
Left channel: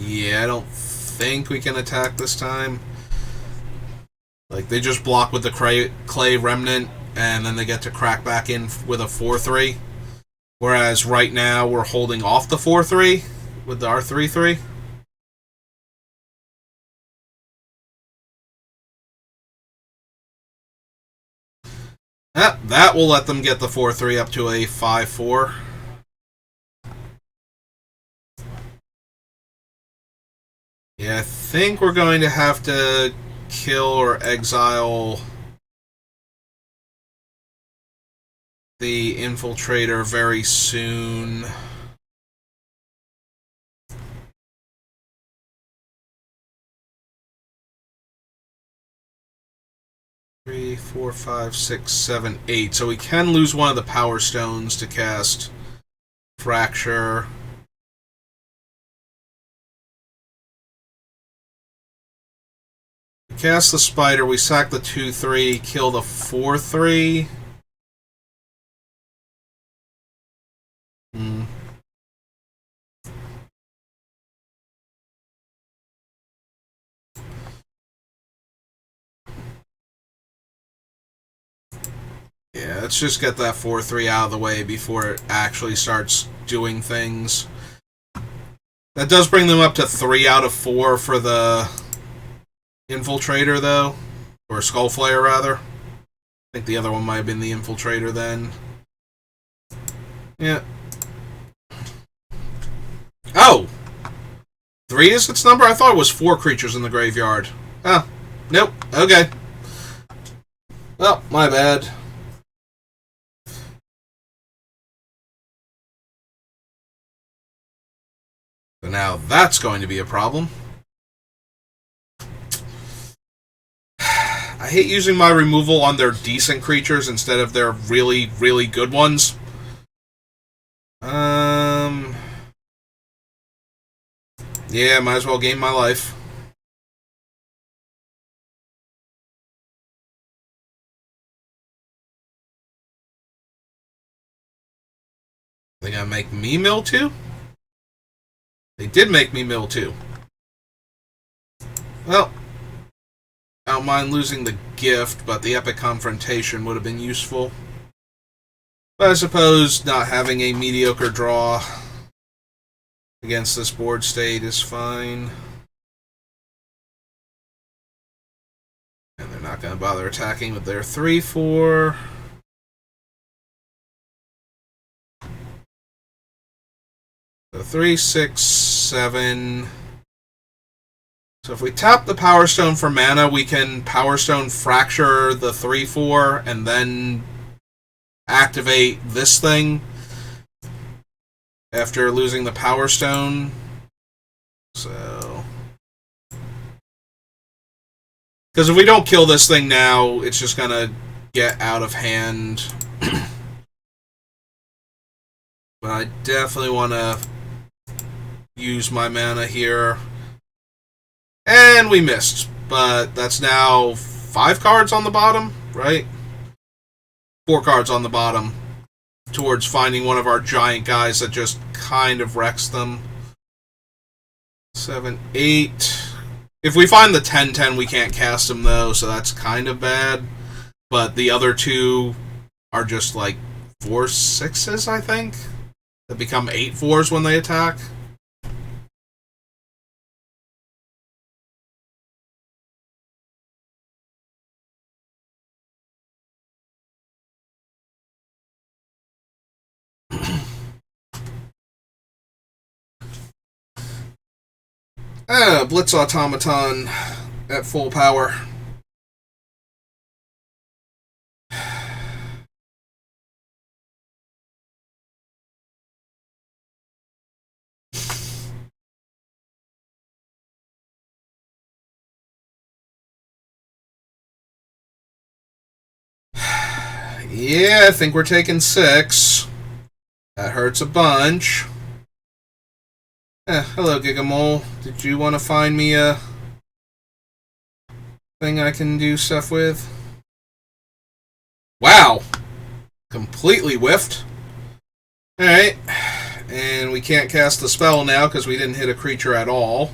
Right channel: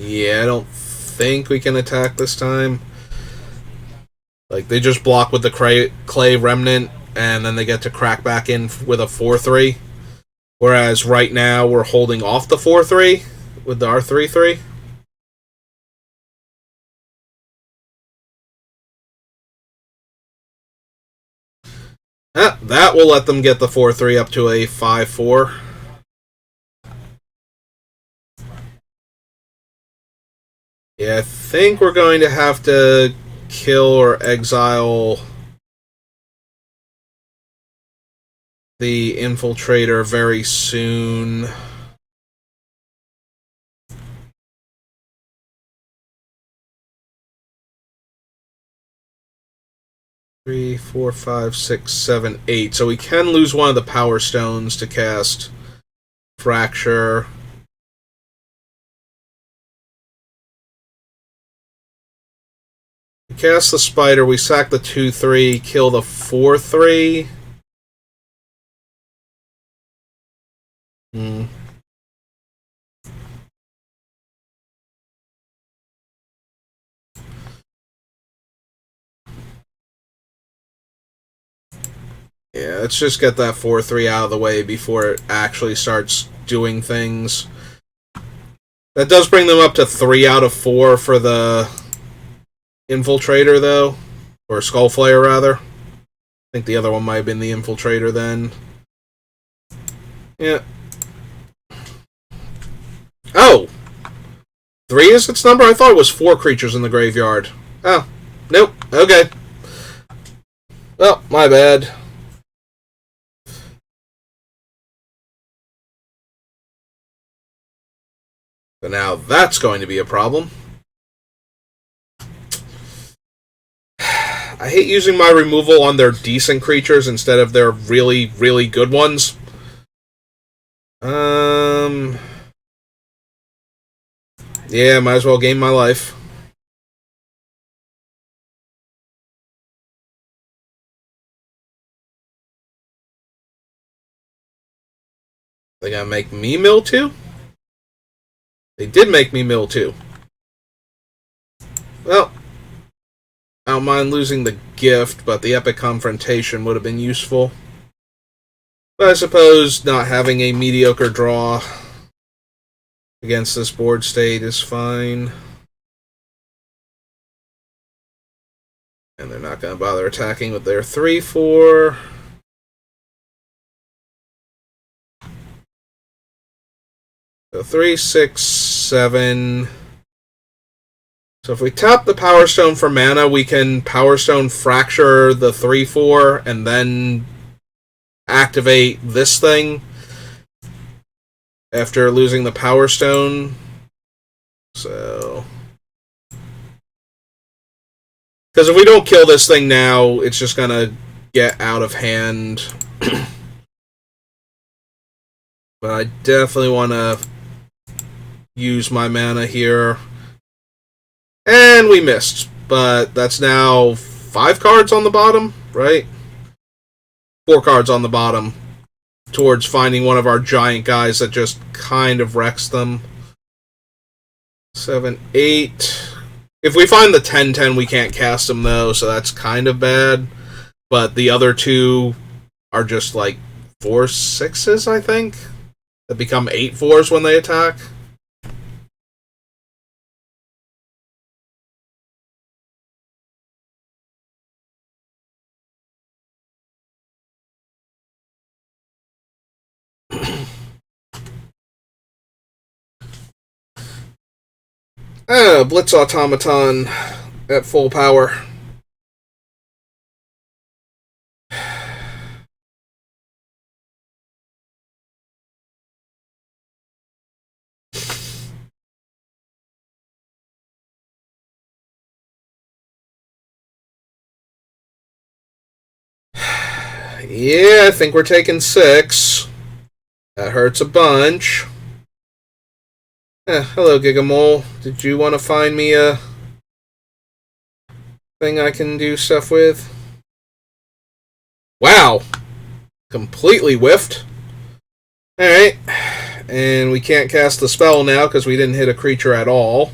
Yeah, I don't think we can attack this time. Like, they just block with the Clay Remnant, and then they get to crack back in with a 4-3. Whereas right now, we're holding off the 4-3 with our 3-3. That will let them get the 4-3 up to a 5-4. Yeah, I think we're going to have to kill or exile the Infiltrator very soon. Three, 4, 5, 6, 7, 8. So we can lose one of the Power Stones to cast Fracture. We cast the Spider, we sack the 2-3, kill the 4-3. Yeah, let's just get that 4-3 out of the way before it actually starts doing things. That does bring them up to 3 out of 4 for the Infiltrator, though. Or Skullflayer, rather. I think the other one might have been the Infiltrator then. Yeah. Oh! 3 is its number? I thought it was 4 creatures in the graveyard. Oh. Nope. Okay. Oh, my bad. So now that's going to be a problem. I hate using my removal on their decent creatures instead of their really, really good ones. Yeah, might as well gain my life. They gonna make me mill too? They did make me mill too. Well, I don't mind losing the gift, but the epic confrontation would have been useful. But I suppose not having a mediocre draw against this board state is fine. And they're not going to bother attacking with their 3/4. So 3, 6, 7. So if we tap the Power Stone for mana, we can Power Stone Fracture the 3/4 and then activate this thing after losing the Power Stone. So, because if we don't kill this thing now, it's just gonna get out of hand. But I definitely want to use my mana here. And we missed, but that's now 5 cards on the bottom, right? 4 cards on the bottom towards finding one of our giant guys that just kind of wrecks them. 7, 8. If we find the 10/10, we can't cast them, though, so that's kind of bad. But the other 2 are just like 4/6s, I think, that become 8/4s when they attack. Blitz Automaton at full power. Yeah, I think we're taking 6. That hurts a bunch. Hello, Gigamole. Did you want to find me a thing I can do stuff with? Wow. Completely whiffed. Alright. And we can't cast the spell now because we didn't hit a creature at all.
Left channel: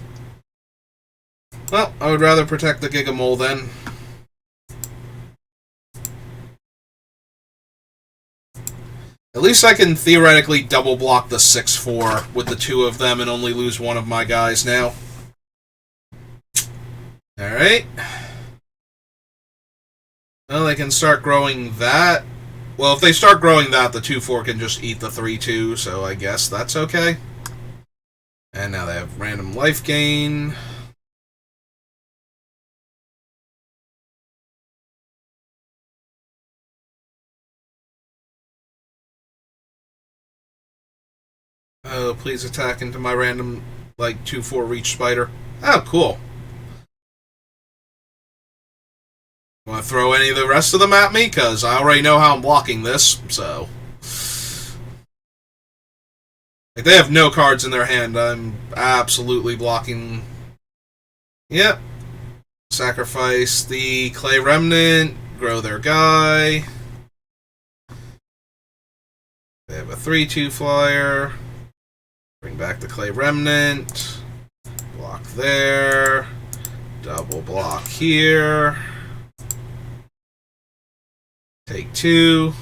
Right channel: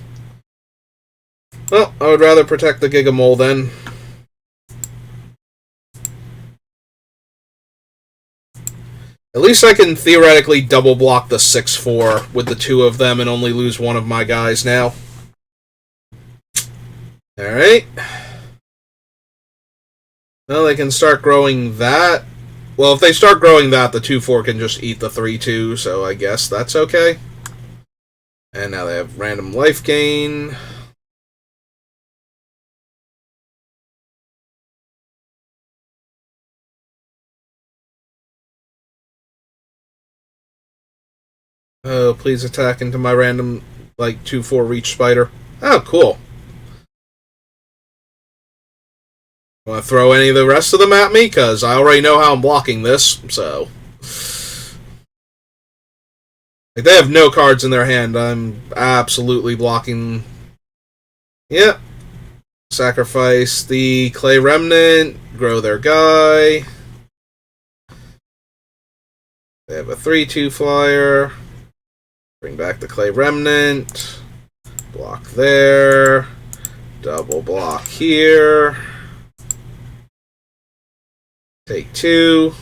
Well, I would rather protect the Gigamole then. At least I can theoretically double block the 6/4 with the 2 of them and only lose one of my guys now. Alright. Well, they can start growing that. Well, if they start growing that, the 2/4 can just eat the 3/2, so I guess that's okay. And now they have random life gain. Oh, please attack into my random, 2/4 reach spider. Oh, cool. Want to throw any of the rest of them at me? Because I already know how I'm blocking this, so. They have no cards in their hand. I'm absolutely blocking. Yep. Sacrifice the Clay Remnant. Grow their guy. They have a 3/2 flyer. Bring back the Clay Remnant. Block there. Double block here. Take 2.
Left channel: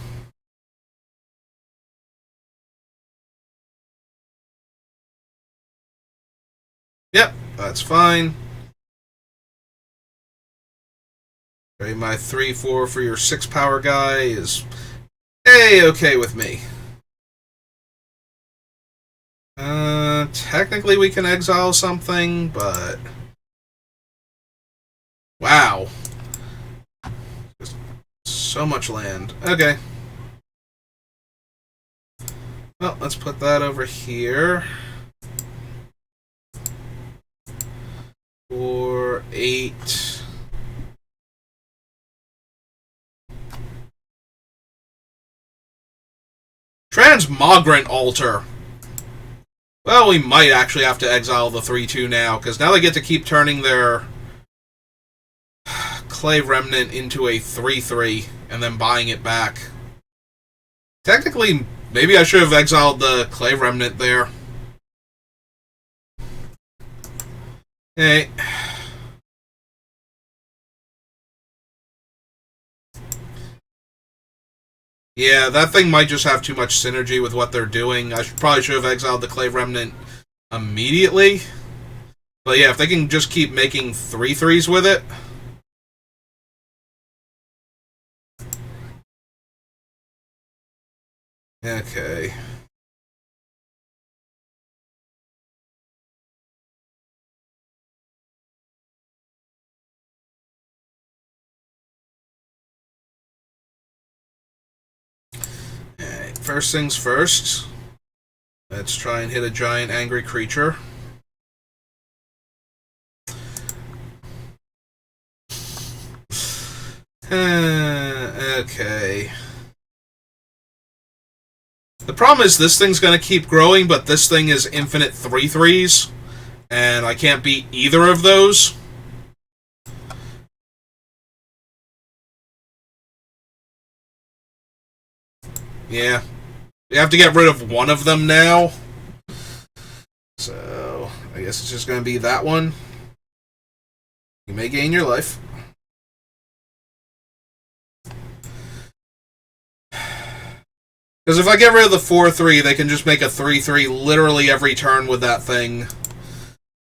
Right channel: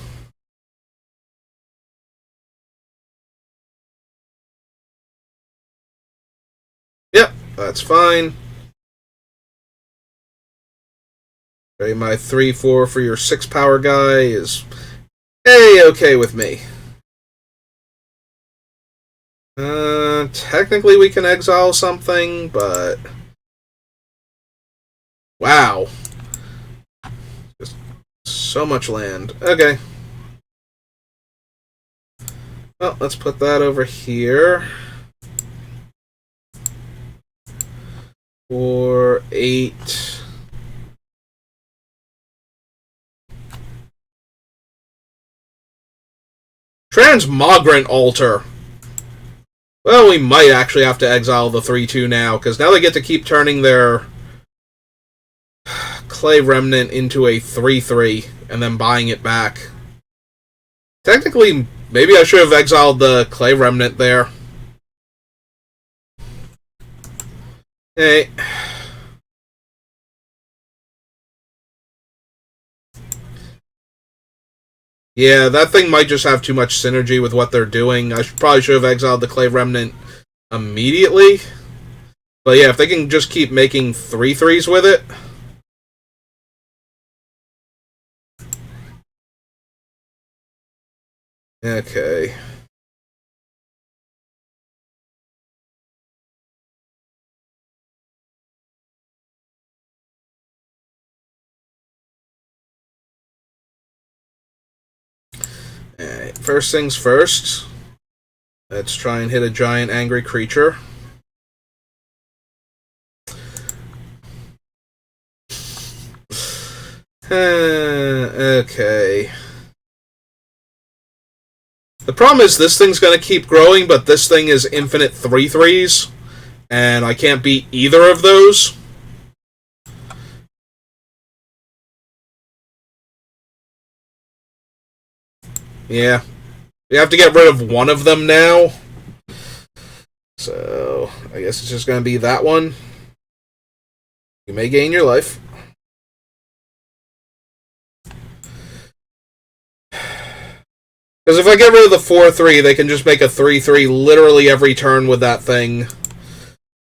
Yep, that's fine. Okay, my 3/4 for your 6 power guy is A-okay with me. Technically we can exile something, but wow. Just so much land. Okay. Well, let's put that over here. 8. Transmogrant Altar. Well, we might actually have to exile the 3-2 now, because now they get to keep turning their Clay Remnant into a 3-3, and then buying it back. Technically, maybe I should have exiled the Clay Remnant there. Hey. Yeah, that thing might just have too much synergy with what they're doing. I probably should have exiled the Clay Remnant immediately. But yeah, if they can just keep making 3-3s with it. Okay. Alright, first things first. Let's try and hit a giant angry creature. Okay. The problem is this thing's going to keep growing, but this thing is infinite 3-3s, and I can't beat either of those. Yeah. We have to get rid of one of them now. So, I guess it's just going to be that one. You may gain your life. Because if I get rid of the 4-3, they can just make a 3-3 literally every turn with that thing.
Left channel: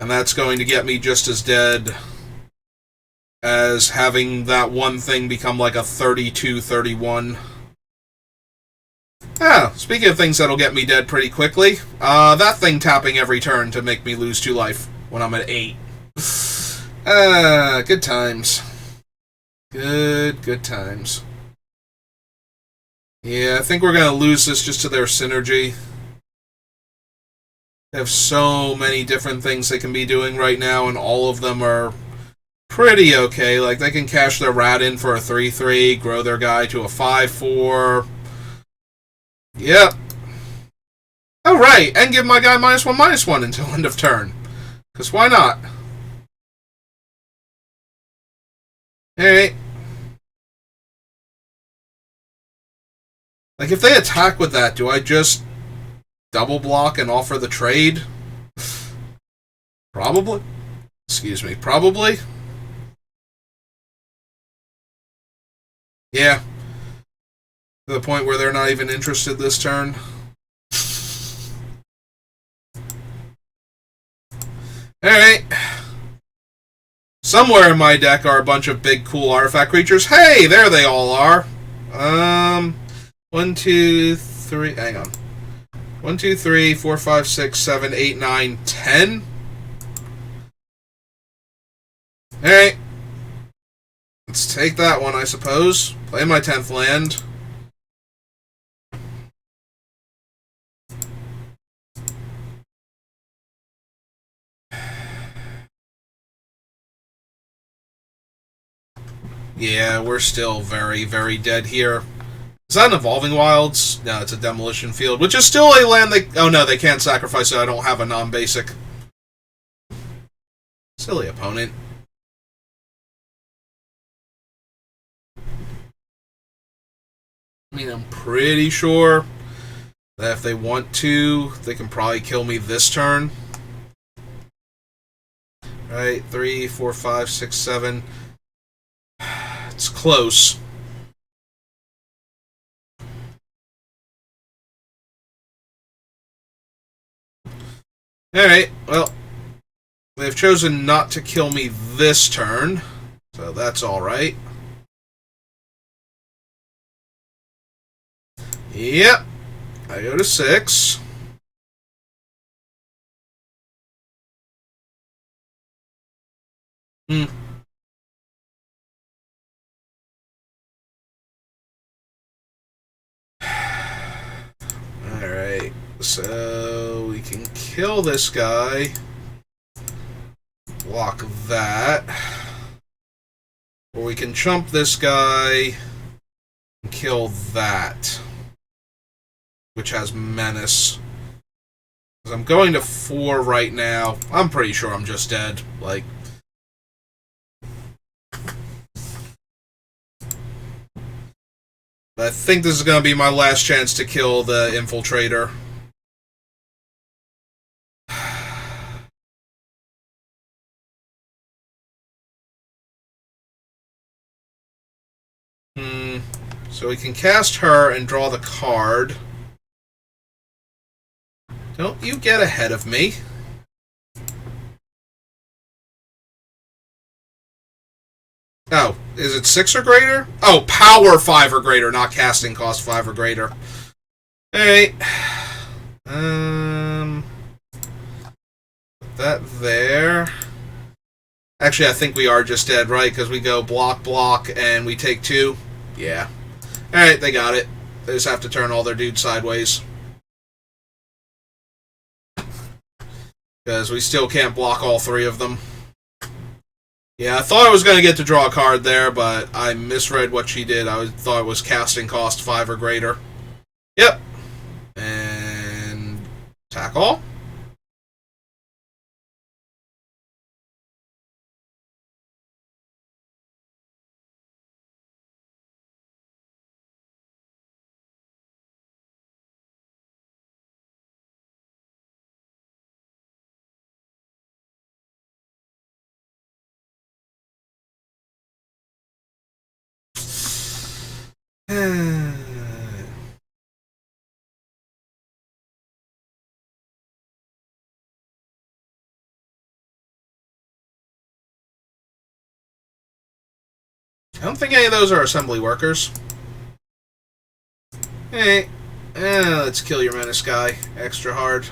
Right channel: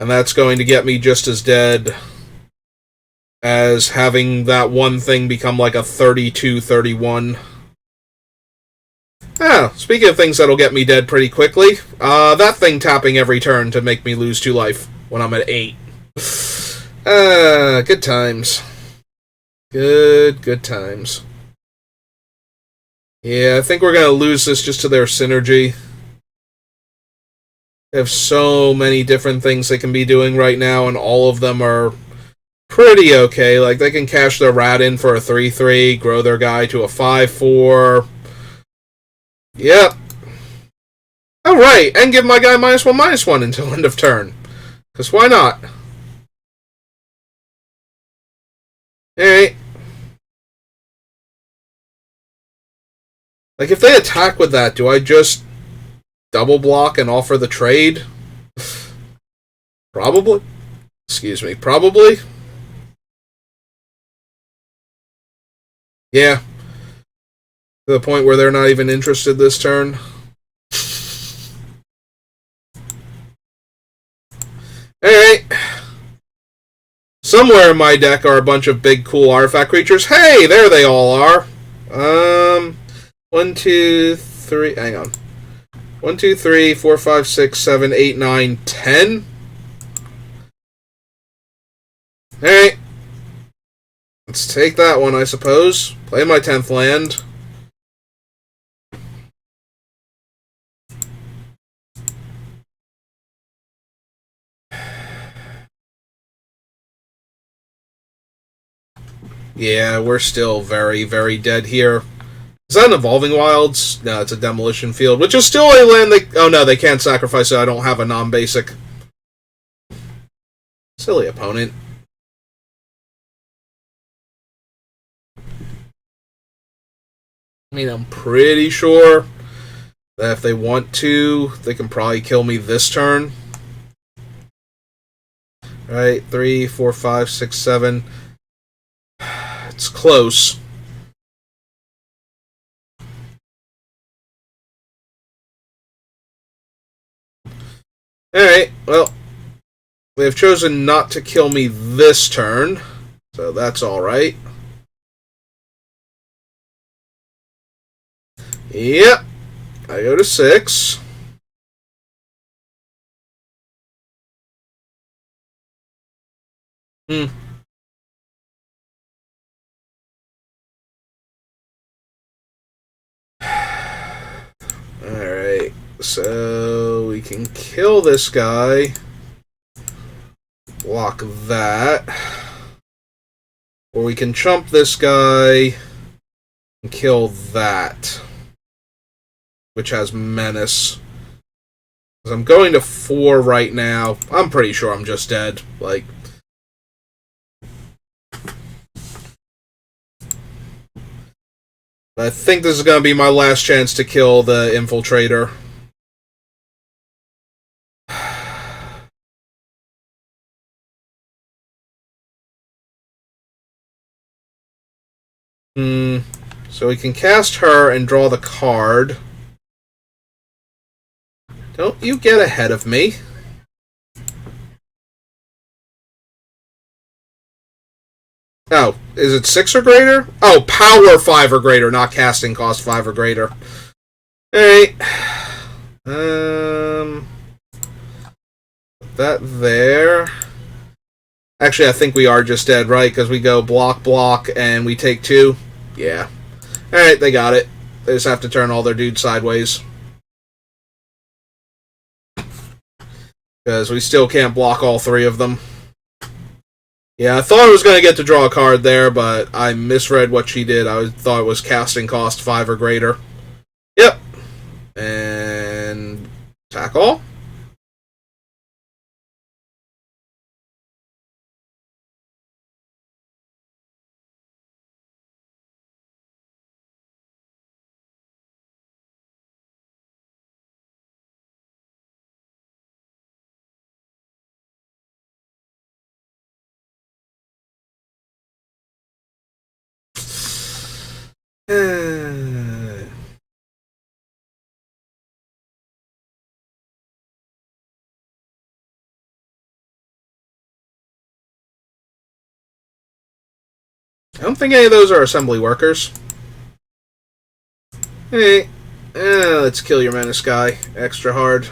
And that's going to get me just as dead as having that one thing become like a 32-31. Ah, speaking of things that'll get me dead pretty quickly, that thing tapping every turn to make me lose 2 life when I'm at 8. Good times. Good times. Yeah, I think we're going to lose this just to their synergy. They have so many different things they can be doing right now, and all of them are pretty okay. Like, they can cash their rat in for a 3-3, grow their guy to a 5-4. Yep. Oh, right, and give my guy -1/-1 until end of turn. Because why not? Alright. Like, if they attack with that, do I just double block and offer the trade? Probably. Excuse me. Probably. Yeah. To the point where they're not even interested this turn. Alright. Somewhere in my deck are a bunch of big, cool artifact creatures. Hey, there they all are. 1, 2, 3. Hang on. 1, 2, 3, 4, 5, 6, 7, 8, 9, 10. Alright. Let's take that one, I suppose. Play my 10th land. Yeah, we're still very, very dead here. Is that an Evolving Wilds? No, it's a Demolition Field, which is still a land they... Oh, no, they can't sacrifice it. I don't have a non-basic. Silly opponent. I mean, I'm pretty sure that if they want to, they can probably kill me this turn. Right, 3, 4, 5, 6, 7. It's close. Alright, well, they've chosen not to kill me this turn, so that's alright. Yep, I go to 6. Alright, so we can kill this guy. Block that. Or we can chump this guy and kill that, which has menace. Because I'm going to 4 right now. I'm pretty sure I'm just dead. Like, I think this is going to be my last chance to kill the infiltrator. So we can cast her and draw the card. Don't you get ahead of me. Oh, is it 6 or greater? Oh, power 5 or greater, not casting cost 5 or greater. Alright. Put that there. Actually, I think we are just dead, right? Because we go block, block, and we take 2. Yeah. Alright, they got it. They just have to turn all their dudes sideways. Because we still can't block all 3 of them. Yeah, I thought I was going to get to draw a card there, but I misread what she did. I thought it was casting cost 5 or greater. Yep. And attack all. I don't think any of those are assembly workers. Hey, let's kill your menace guy extra hard.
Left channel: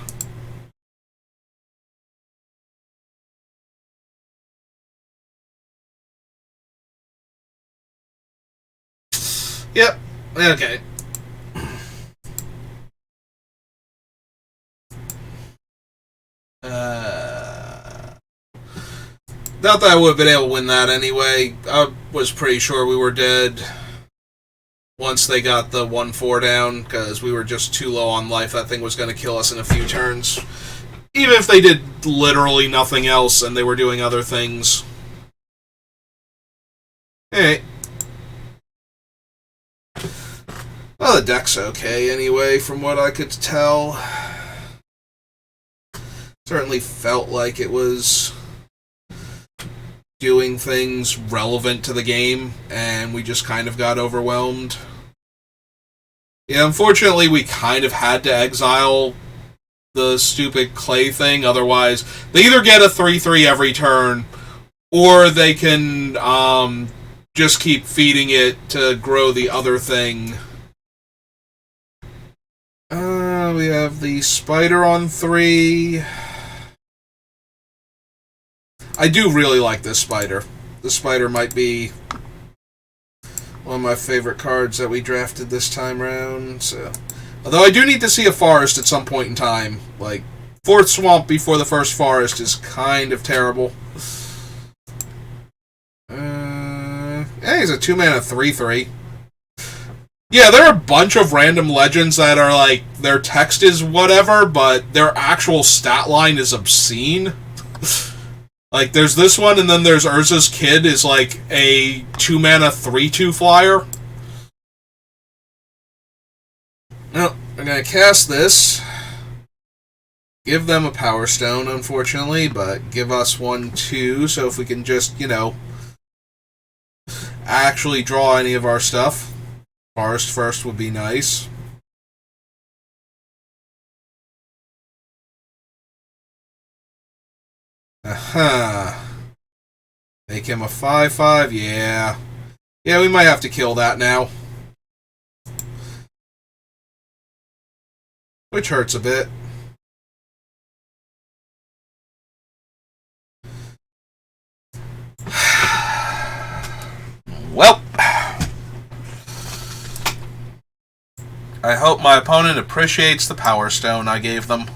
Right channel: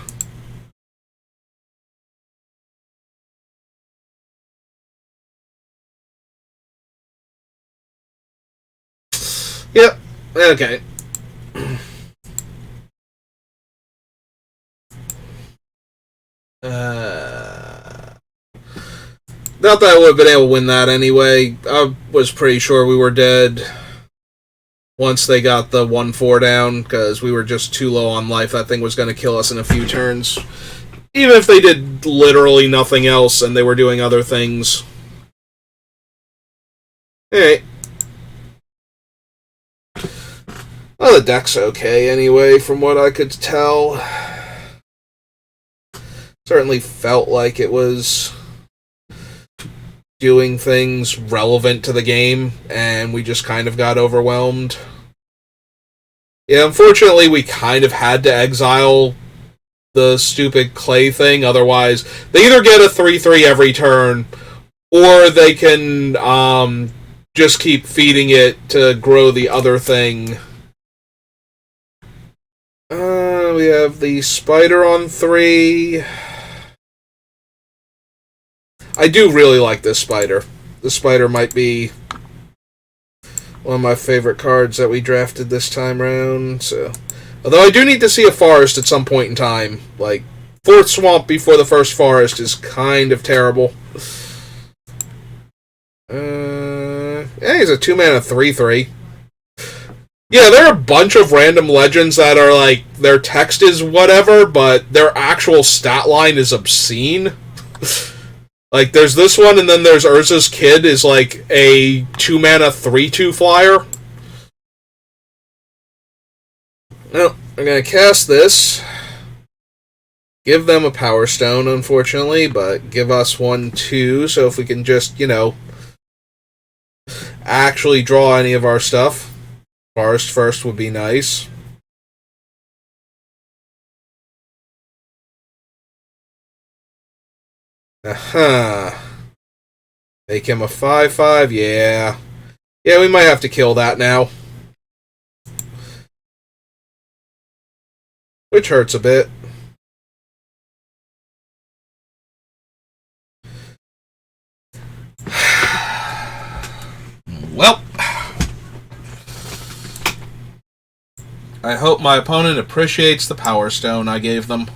Yep, okay. Not that I would have been able to win that anyway. I was pretty sure we were dead once they got the 1-4 down, because we were just too low on life. That thing was going to kill us in a few turns. Even if they did literally nothing else and they were doing other things. Alright. Well, the deck's okay anyway, from what I could tell. Certainly felt like it was doing things relevant to the game, and we just kind of got overwhelmed. Yeah, unfortunately, we kind of had to exile the stupid clay thing, otherwise, they either get a 3-3 every turn, or they can just keep feeding it to grow the other thing. We have the spider on 3. I do really like this spider. The spider might be one of my favorite cards that we drafted this time around. So, although I do need to see a forest at some point in time. Like, 4th swamp before the first forest is kind of terrible. Yeah, he's a 2-mana 3-3. Yeah, there are a bunch of random legends that are like, their text is whatever, but their actual stat line is obscene. Like, there's this one, and then there's Urza's Kid is like a 2-mana 3-2 flyer. No, I'm gonna cast this. Give them a Power Stone, unfortunately, but give us 1-2, so if we can just, actually draw any of our stuff. Forest first would be nice. Aha. Make him a 5-5, yeah. Yeah, we might have to kill that now. Which hurts a bit. Well, I hope my opponent appreciates the Power Stone I gave them.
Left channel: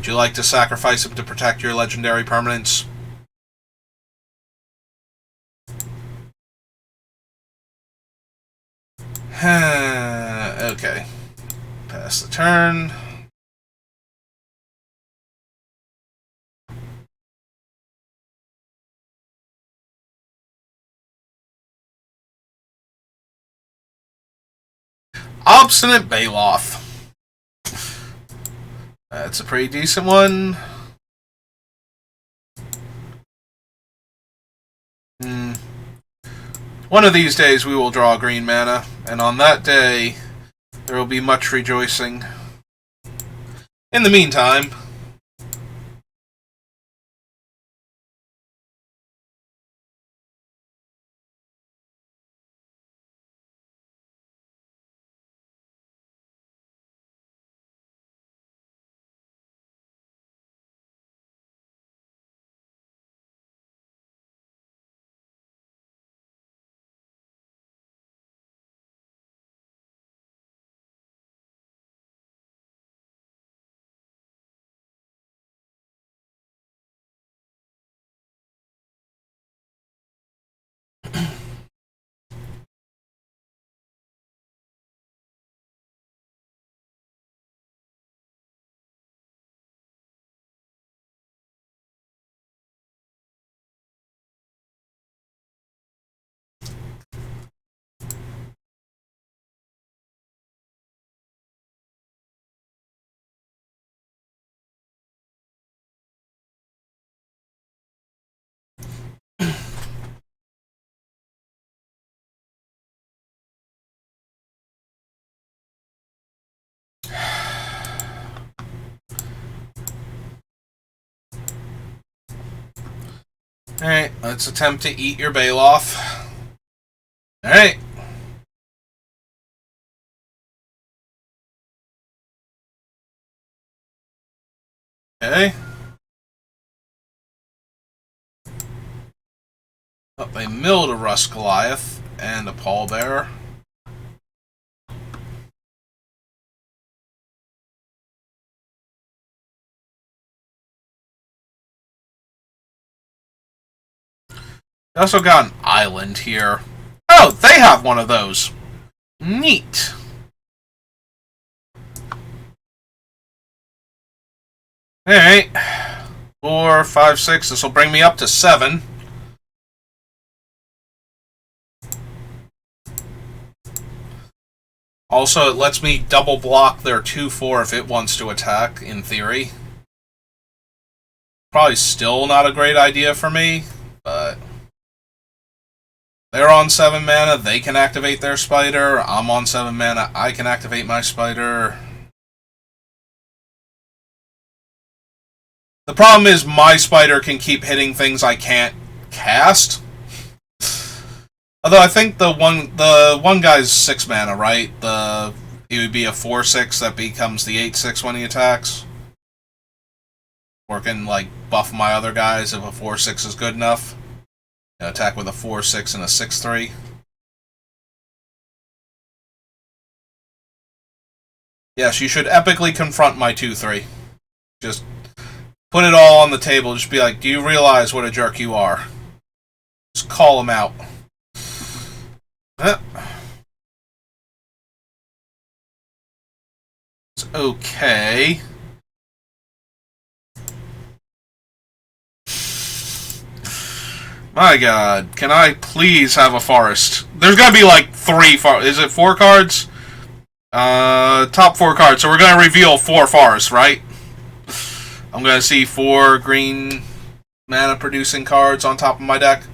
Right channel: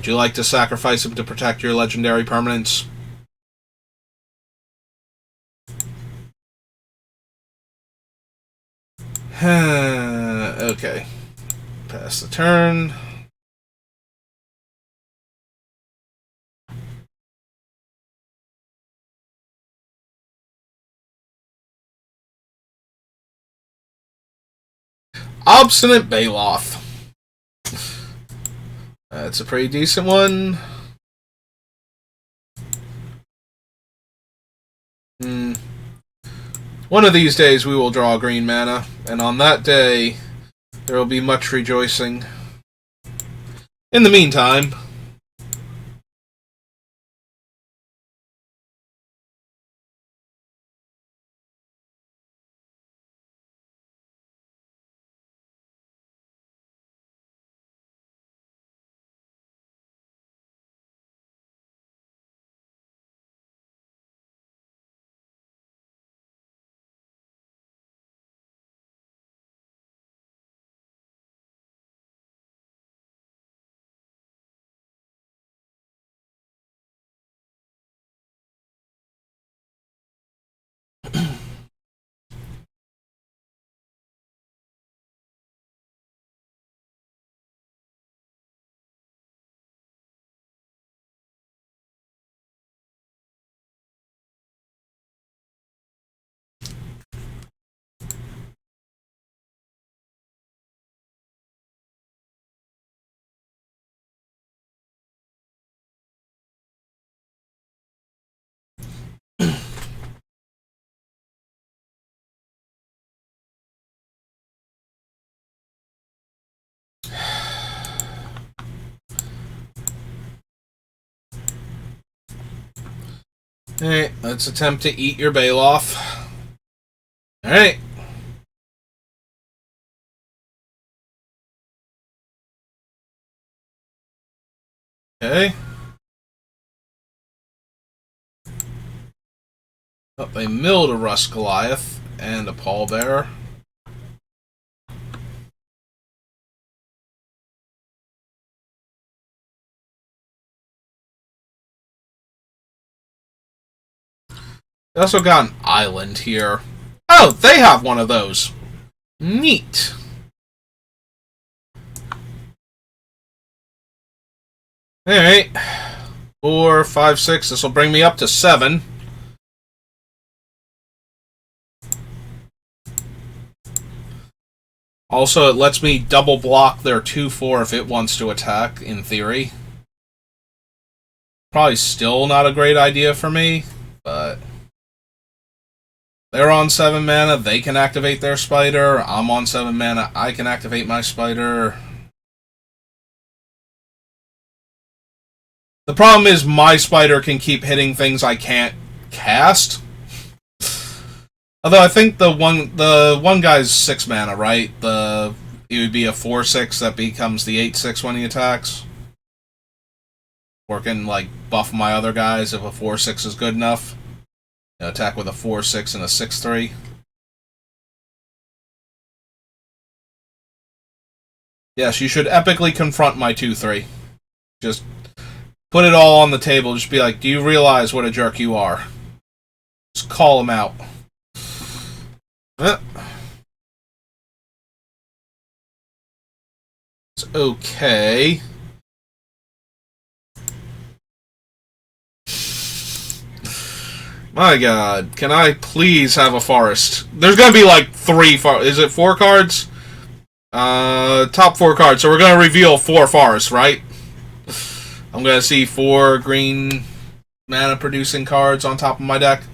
Would you like to sacrifice him to protect your legendary permanents? Okay. Pass the turn. Obstinate Baloth. That's a pretty decent one. One of these days we will draw green mana, and on that day there will be much rejoicing. In the meantime, alright, let's attempt to eat your Baloth. Alright. Okay. Up a milled a Rust Goliath and a Pallbearer. They also got an island here. Oh, they have one of those. Neat. Alright. 4, 5, 6. This will bring me up to 7. Also, it lets me double block their 2-4 if it wants to attack, in theory. Probably still not a great idea for me, but they're on 7 mana, they can activate their spider. I'm on 7 mana, I can activate my spider. The problem is my spider can keep hitting things I can't cast. Although I think the one guy's 6 mana, right? He would be a 4/6 that becomes the 8/6 when he attacks. Or can like buff my other guys if a 4/6 is good enough. Attack with a 4/6 and a 6/3. Yes, you should epically confront my 2/3. Just put it all on the table. Just be like, do you realize what a jerk you are? Just call him out. It's okay. My god, can I please have a forest? There's gonna be like 3 is it 4 cards? Top 4 cards, so we're gonna reveal 4 forests, right? I'm gonna see 4 green mana producing cards on top of my deck.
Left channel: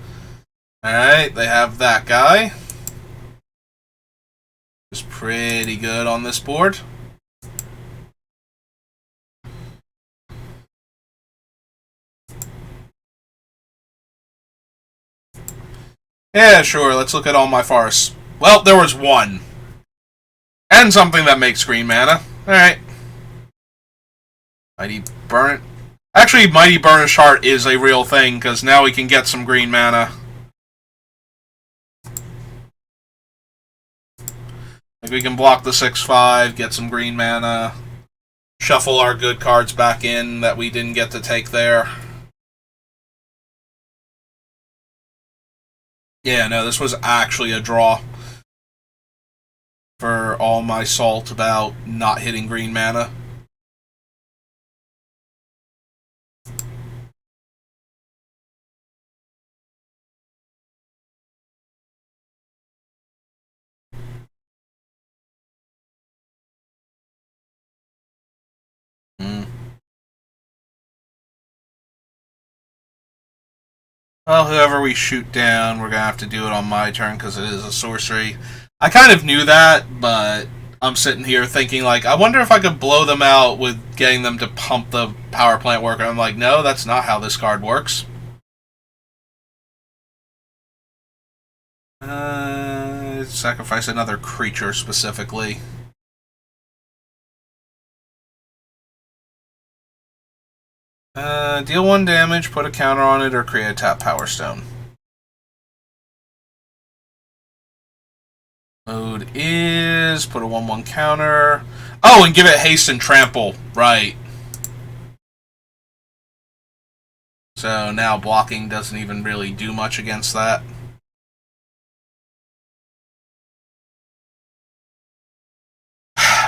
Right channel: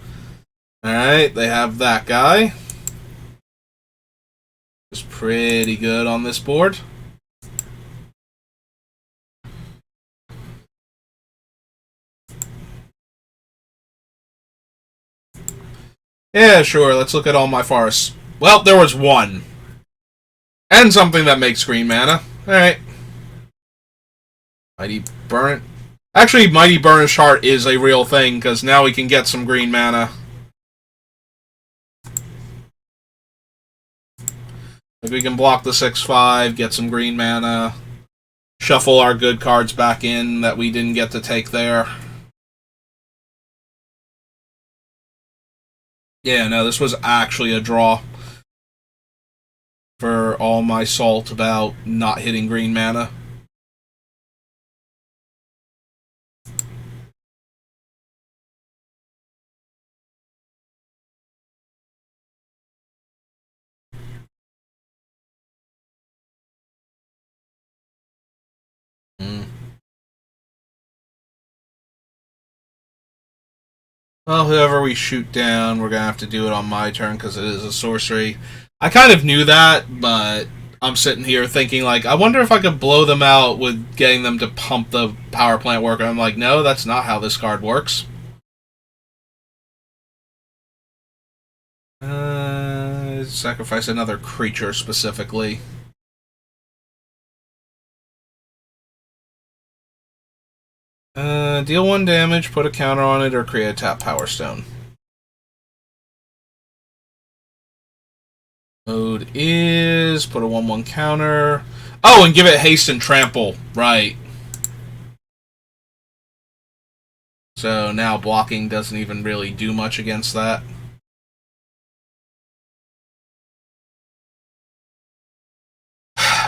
Alright, they have that guy. It's pretty good on this board. Yeah, sure, let's look at all my forests. Well, there was 1. And something that makes green mana. Alright. Mighty Burnt. Actually, Mighty Burnished Heart is a real thing, because now we can get some green mana. Like we can block the 6/5, get some green mana. shuffle our good cards back in that we didn't get to take there. Yeah, no, this was actually a draw for all my salt about not hitting green mana. Well, whoever we shoot down, we're going to have to do it on my turn because it is a sorcery. I kind of knew that, but I'm sitting here thinking, like, I wonder if I could blow them out with getting them to pump the power plant worker. I'm like, no, that's not how this card works. Sacrifice another creature specifically. Deal 1 damage, put a counter on it, or create a tap Power Stone. Mode is put a 1/1 counter. Oh, and give it haste and trample. Right. So now blocking doesn't even really do much against that.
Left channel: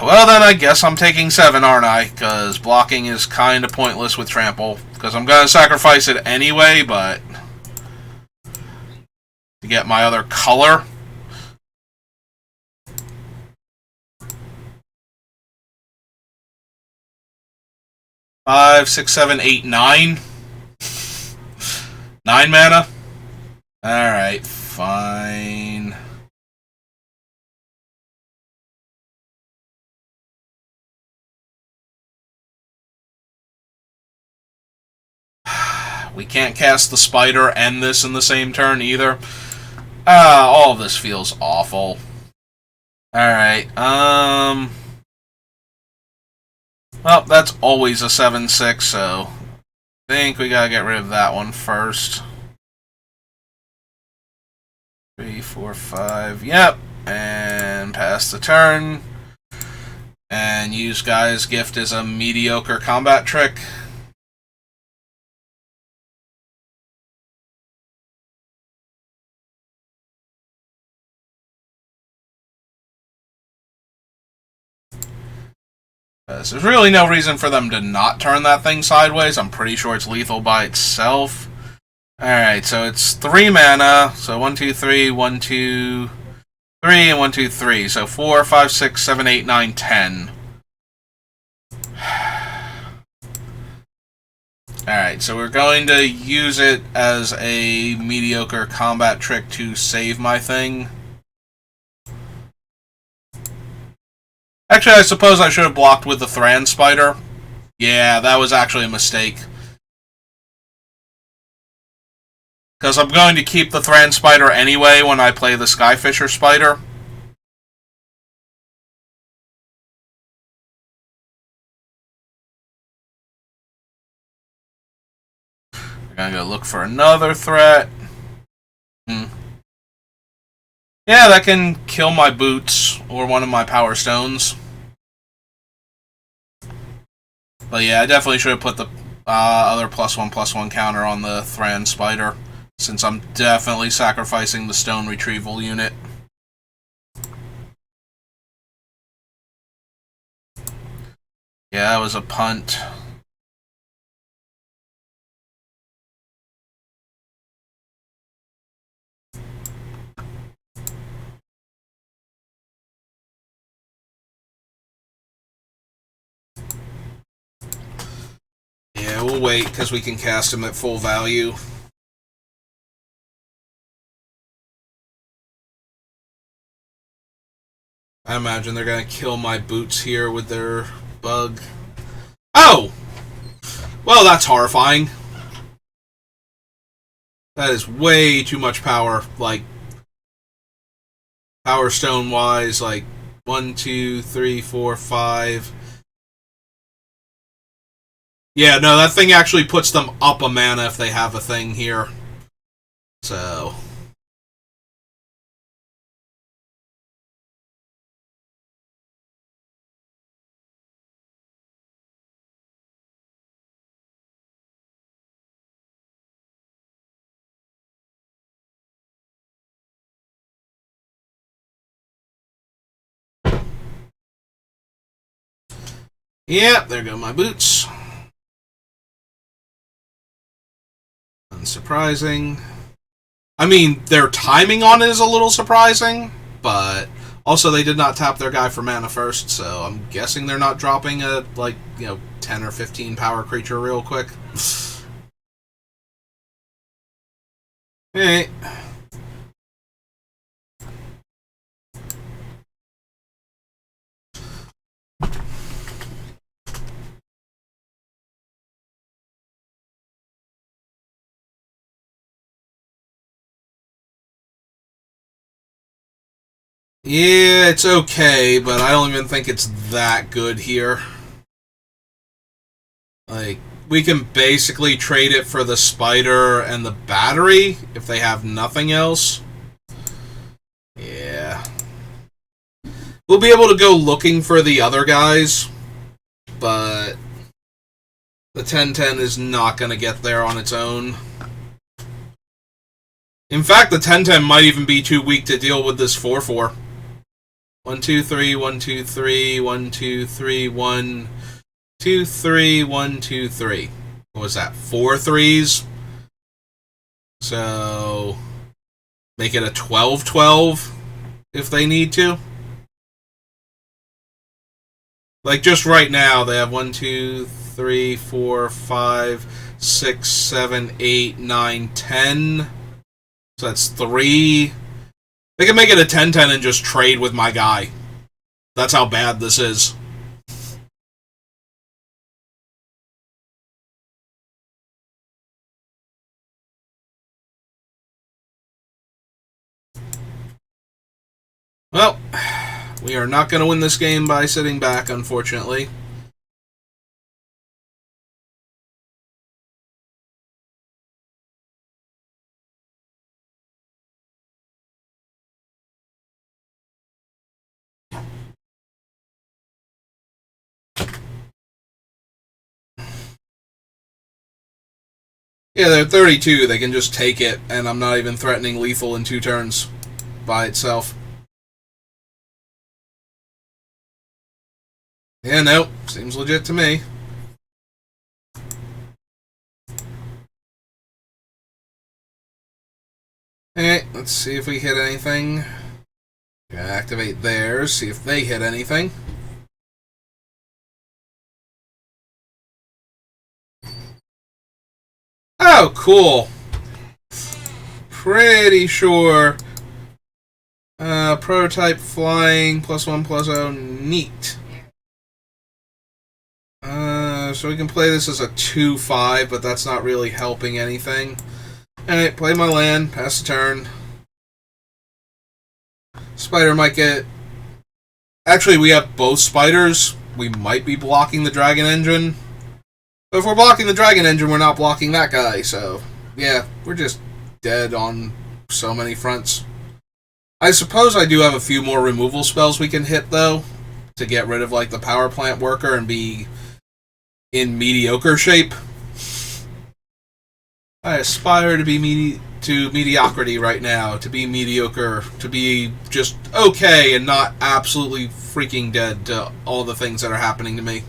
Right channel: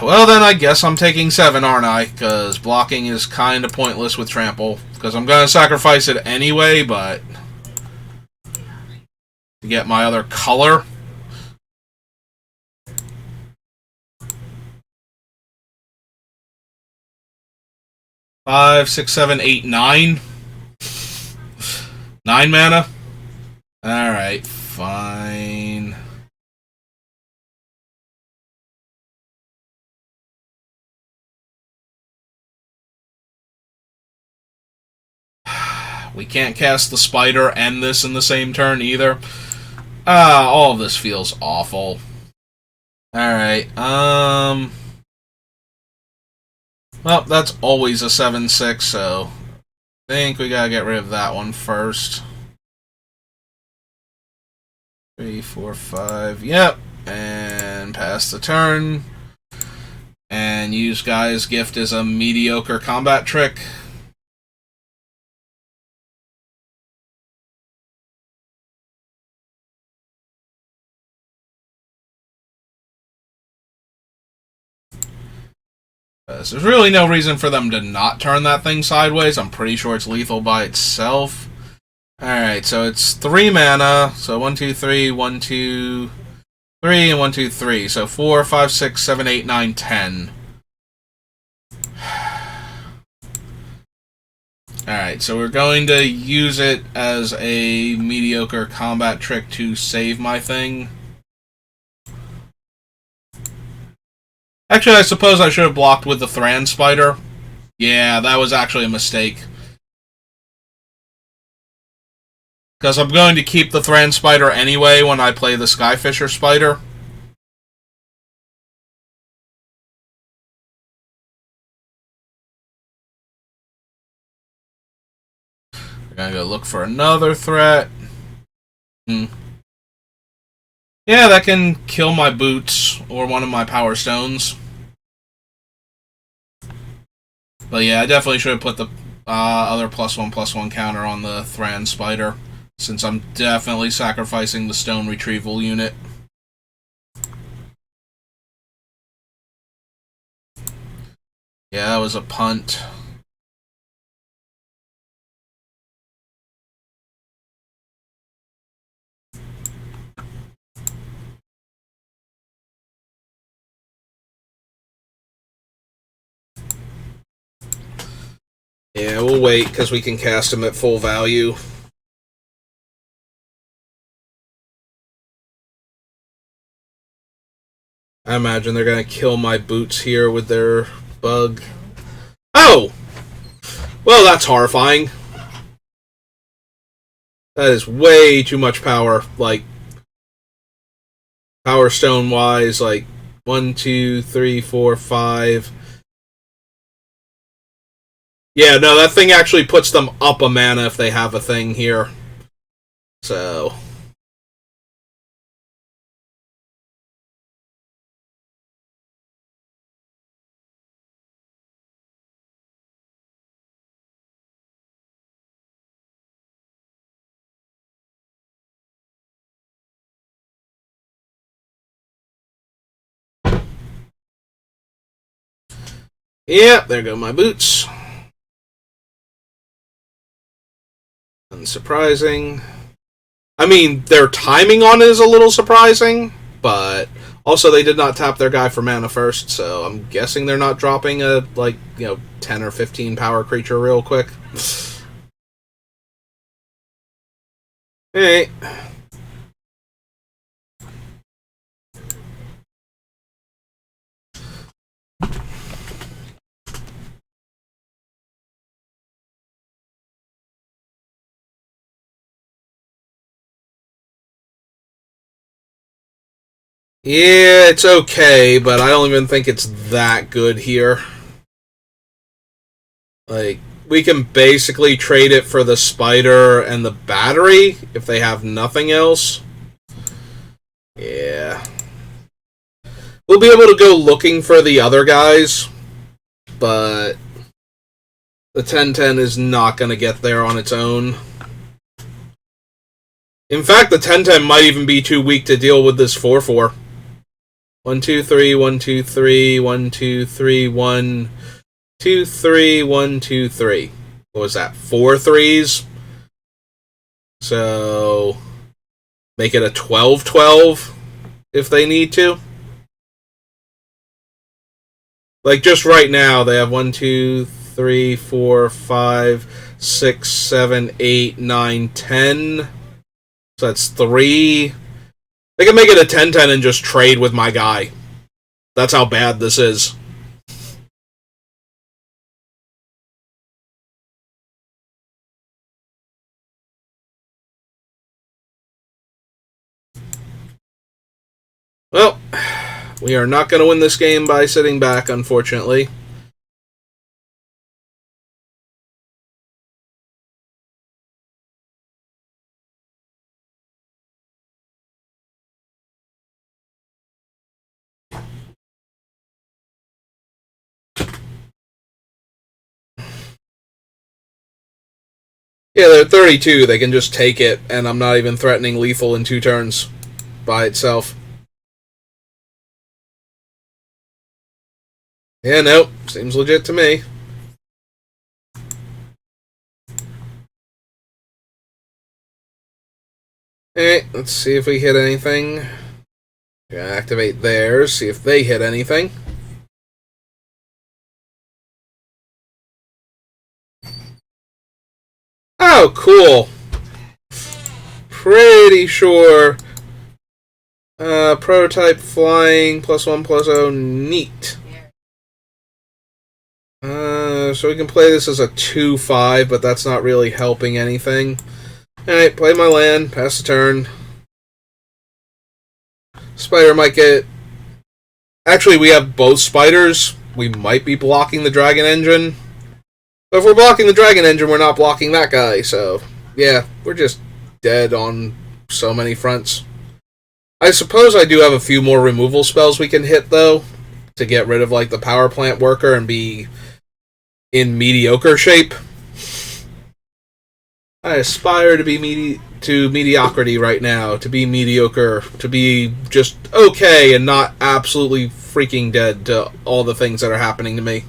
Well, then I guess I'm taking 7, aren't I? Because blocking is kind of pointless with trample. Because I'm going to sacrifice it anyway, but to get my other color. Five, 6, 7, 8, 9. 9 mana? Alright, fine. We can't cast the spider and this in the same turn either. All of this feels awful. Alright, well, that's always a 7/6, so I think we gotta get rid of that one first. 3, 4, 5, yep. And pass the turn. And use Guy's Gift as a mediocre combat trick. There's really no reason for them to not turn that thing sideways. I'm pretty sure it's lethal by itself. Alright, so it's 3 mana. So 1, 2, 3, 1, 2, 3, and 1, 2, 3. So 4, 5, 6, 7, 8, 9, 10. Alright, so we're going to use it as a mediocre combat trick to save my thing. Actually, I suppose I should have blocked with the Thran Spider. Yeah, that was actually a mistake. Because I'm going to keep the Thran Spider anyway when I play the Skyfisher Spider. We're going to go look for another threat. Yeah, that can kill my boots or one of my power stones. But yeah, I definitely should have put the other +1/+1 counter on the Thran Spider, since I'm definitely sacrificing the stone retrieval unit. Yeah, that was a punt. Yeah, we'll wait because we can cast him at full value. I imagine they're going to kill my boots here with their bug. Oh! Well, that's horrifying. That is way too much power. Like, Power Stone wise, like 1, 2, 3, 4, 5. Yeah, no, that thing actually puts them up a mana if they have a thing here. So. Yeah, there go my boots. Unsurprising. I mean, their timing on it is a little surprising, but also they did not tap their guy for mana first, so I'm guessing they're not dropping a, 10 or 15 power creature real quick. Hey. Yeah, it's okay, but I don't even think it's that good here. Like, we can basically trade it for the spider and the battery if they have nothing else. Yeah. We'll be able to go looking for the other guys, but the 10-10 is not going to get there on its own. In fact, the 10-10 might even be too weak to deal with this 4-4. 1, 2, 3, 1, 2, 3, 1, 2, 3, 1, 2, 3, 1, 2, 3. What was that? 4 threes? So make it a 12-12 if they need to. Like, just right now, they have 1, 2, 3, 4, 5, 6, 7, 8, 9, 10. So that's 3. They can make it a 10-10 and just trade with my guy. That's how bad this is. Well, we are not going to win this game by sitting back, unfortunately. Yeah, they're 32. They can just take it, and I'm not even threatening lethal in 2 turns by itself. Yeah, nope. Seems legit to me. Alright, let's see if we hit anything. Gonna activate theirs, see if they hit anything. Oh, cool. Pretty sure. Prototype flying, +1/+0, neat. So we can play this as a 2-5, but that's not really helping anything. Alright, play my land, pass the turn. Spider might get... Actually, we have both spiders. We might be blocking the Dragon Engine. But if we're blocking the Dragon Engine, we're not blocking that guy, so... Yeah, we're just dead on so many fronts. I suppose I do have a few more removal spells we can hit, though, to get rid of, the power plant worker and be in mediocre shape. I aspire to be mediocrity right now, to be mediocre, to be just okay and not absolutely freaking dead to all the things that are happening to me.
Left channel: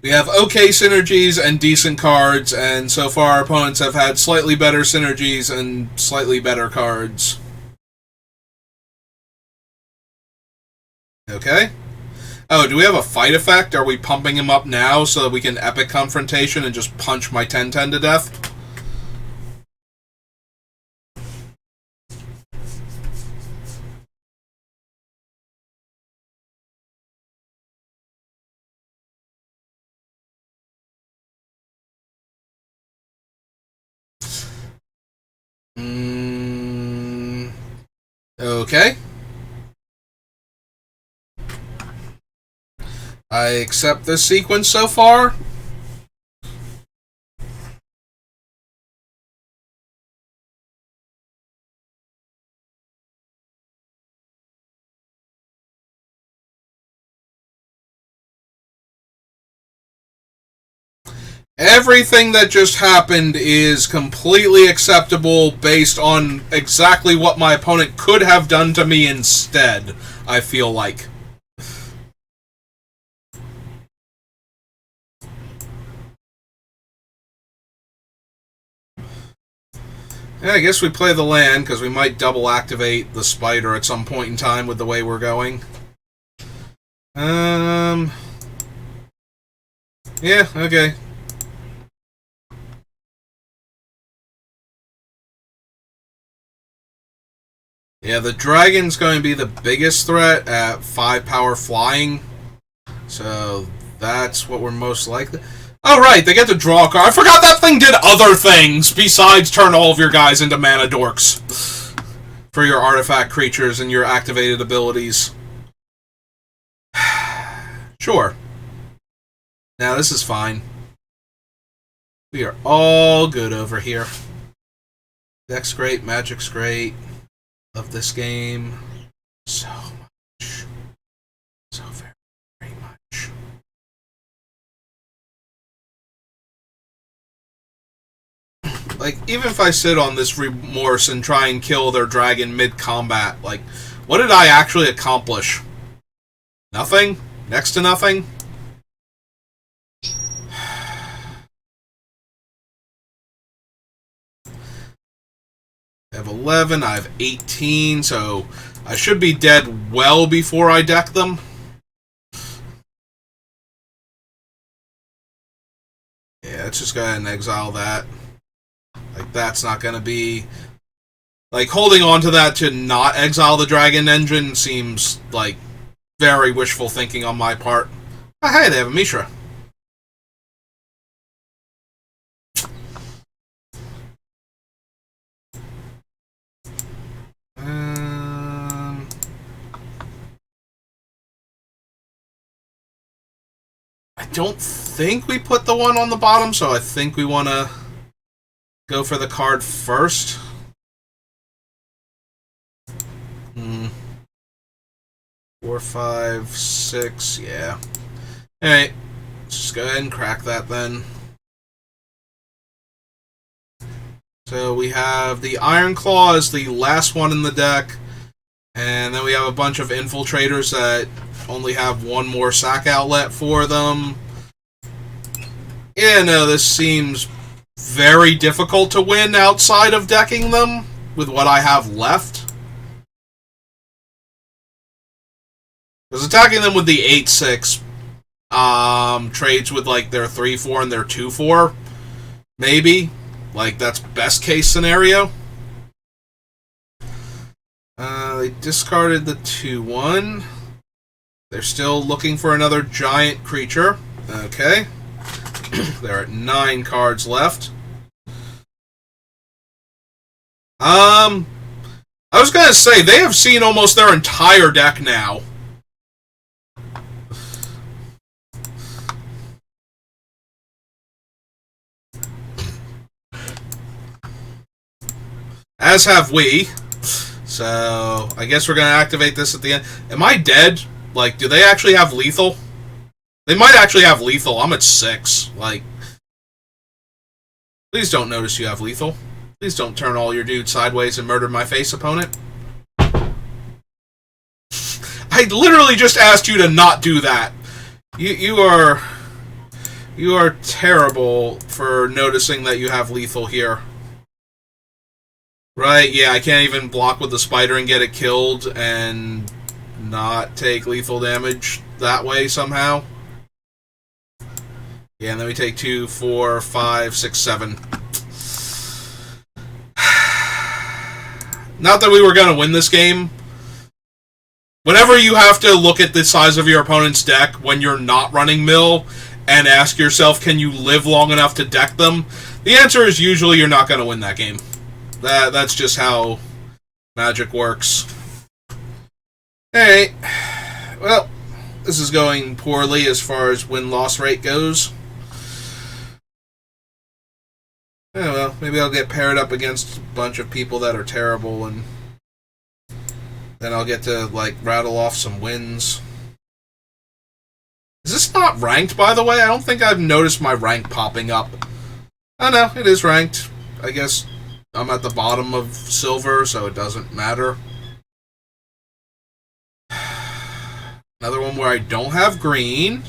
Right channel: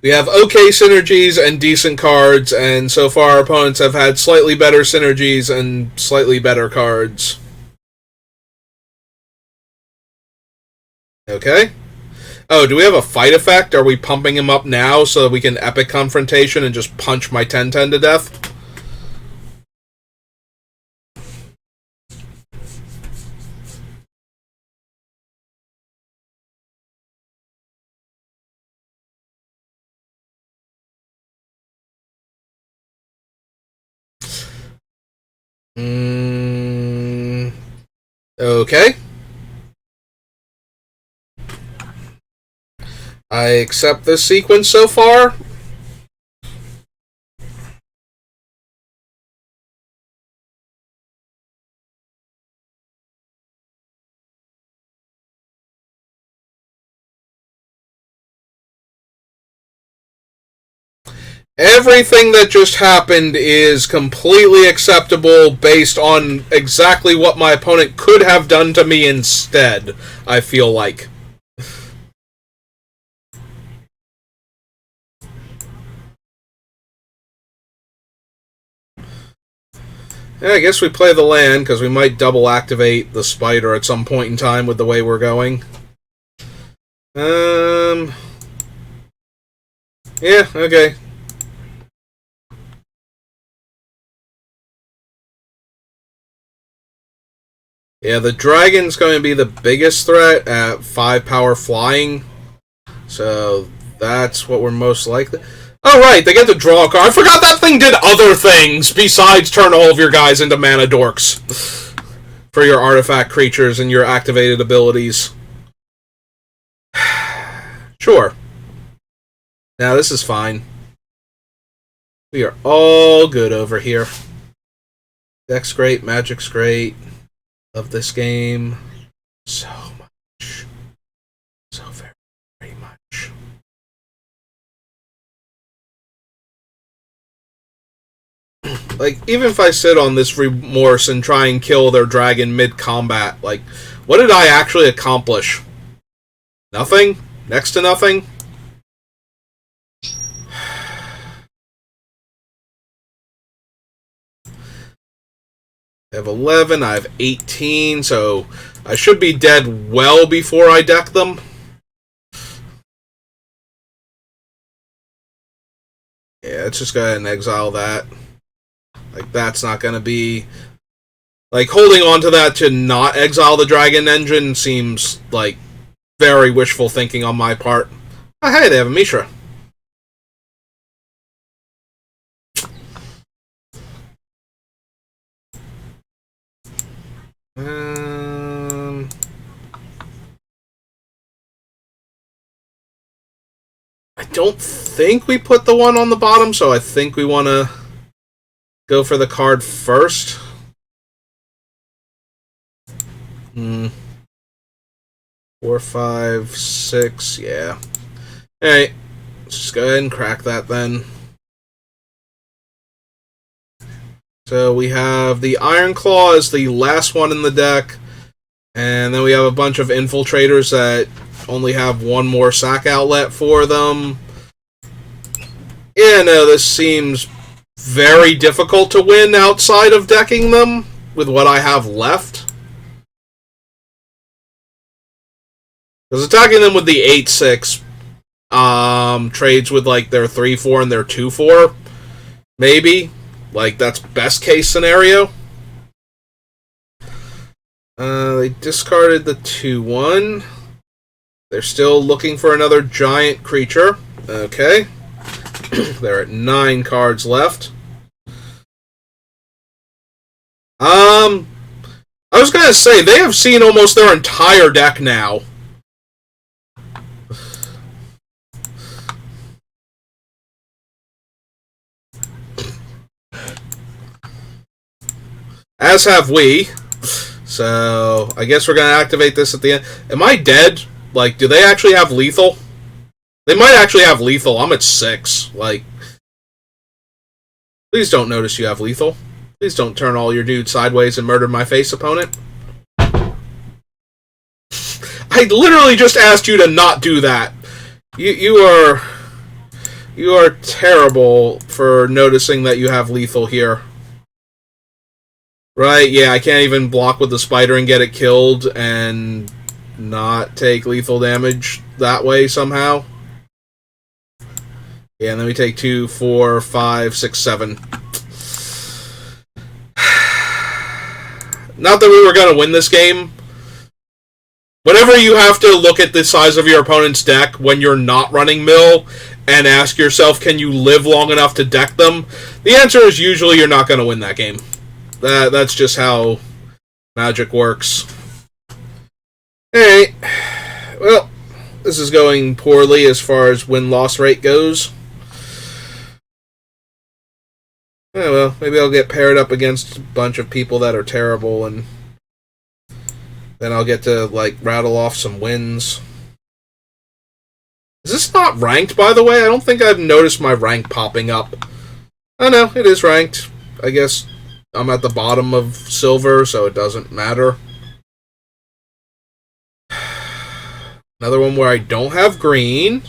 We have okay synergies and decent cards, and so far our opponents have had slightly better synergies and slightly better cards. Okay. Oh, do we have a fight effect? Are we pumping him up now so that we can epic confrontation and just punch my 10-10 to death? Okay. I accept this sequence so far. Everything that just happened is completely acceptable based on exactly what my opponent could have done to me instead, I feel like. Yeah, I guess we play the land, because we might double activate the spider at some point in time with the way we're going. Yeah, okay. Yeah, the dragon's going to be the biggest threat at 5 power flying. So that's what we're most likely. Oh, right, they get to draw a card. I forgot that thing did other things besides turn all of your guys into mana dorks for your artifact creatures and your activated abilities. Sure. Now, this is fine. We are all good over here. Deck's great, Magic's great. Love this game so much. So very, very much. Like, even if I sit on this remorse and try and kill their dragon mid-combat, like, what did I actually accomplish? Nothing? Next to nothing? I have 11, I have 18, so I should be dead well before I deck them. Yeah, let's just go ahead and exile that. Like, that's not going to be... Like, holding on to that to not exile the Dragon Engine seems, like, very wishful thinking on my part. Oh, hey, they have a Mishra. I don't think we put the one on the bottom, so I think we want to go for the card first. 4, 5, 6, yeah. Alright, let's just go ahead and crack that then. So we have the Iron Claw as the last one in the deck, and then we have a bunch of infiltrators that only have one more sack outlet for them. Yeah, no, this seems very difficult to win outside of decking them with what I have left. Because attacking them with the 8-6 trades with like their 3-4 and their 2-4, maybe. Like, that's best case scenario. They discarded the 2-1. They're still looking for another giant creature. Okay. They're at 9 cards left. I was gonna say, they have seen almost their entire deck now. As have we. So, I guess we're gonna activate this at the end. Am I dead? Like, do they actually have lethal? They might actually have lethal. I'm at 6. Like, please don't notice you have lethal. Please don't turn all your dudes sideways and murder my face opponent. I literally just asked you to not do that. You are terrible for noticing that you have lethal here. Right, yeah, I can't even block with the spider and get it killed and not take lethal damage that way somehow. Yeah, and then we take 2, 4, 5, 6, 7. Not that we were going to win this game. Whenever you have to look at the size of your opponent's deck when you're not running mill and ask yourself, can you live long enough to deck them? The answer is usually you're not going to win that game. That's just how Magic works. Alright. Well, this is going poorly as far as win-loss rate goes. Oh, well, maybe I'll get paired up against a bunch of people that are terrible, and then I'll get to, like, rattle off some wins. Is this not ranked, by the way? I don't think I've noticed my rank popping up. Oh no, it is ranked. I guess I'm at the bottom of silver, so it doesn't matter. Another one where I don't have green.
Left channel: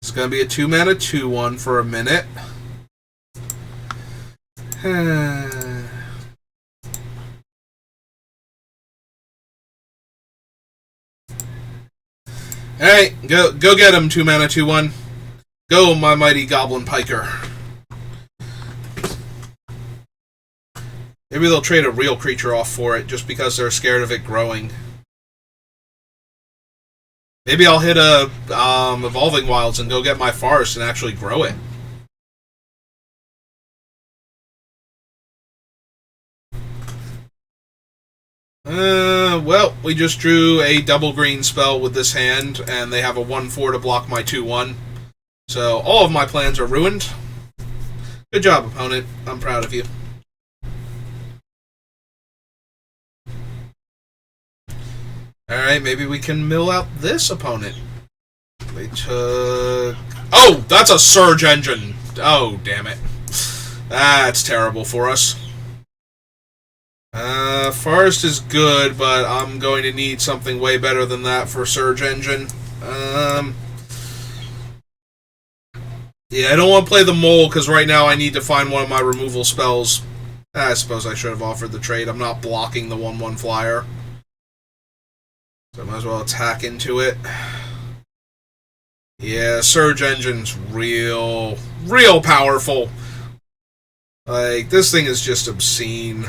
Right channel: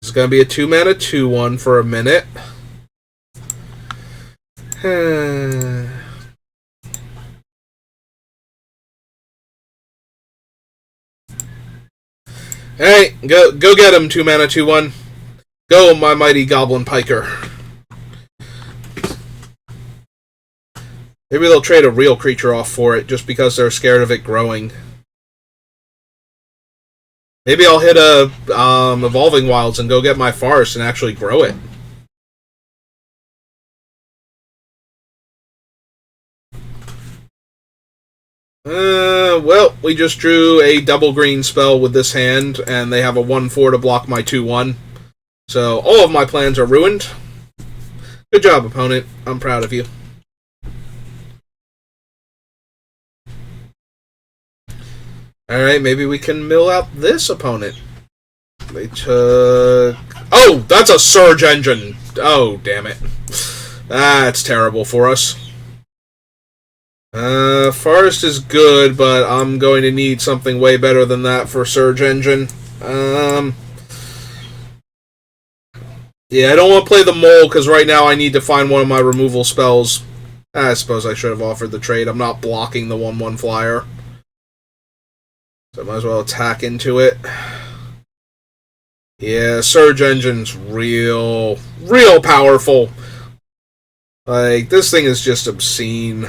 It's going to be a 2-mana 2/1 for a minute. Hey, go get him, 2-mana 2/1. Go, my mighty Goblin Piker. Maybe they'll trade a real creature off for it just because they're scared of it growing. Maybe I'll hit a Evolving Wilds and go get my Forest and actually grow it. Well, we just drew a double green spell with this hand, and they have a 1/4 to block my 2/1. So all of my plans are ruined. Good job, opponent. I'm proud of you. Alright, maybe we can mill out this opponent. They took... Oh, that's a Surge Engine! Oh, damn it. That's terrible for us. Forest is good, but I'm going to need something way better than that for Surge Engine. Yeah, I don't want to play the Mole, because right now I need to find one of my removal spells. I suppose I should have offered the trade. I'm not blocking the 1/1 flyer. So I might as well attack into it. Yeah, Surge Engine's real powerful. Like, this thing is just obscene.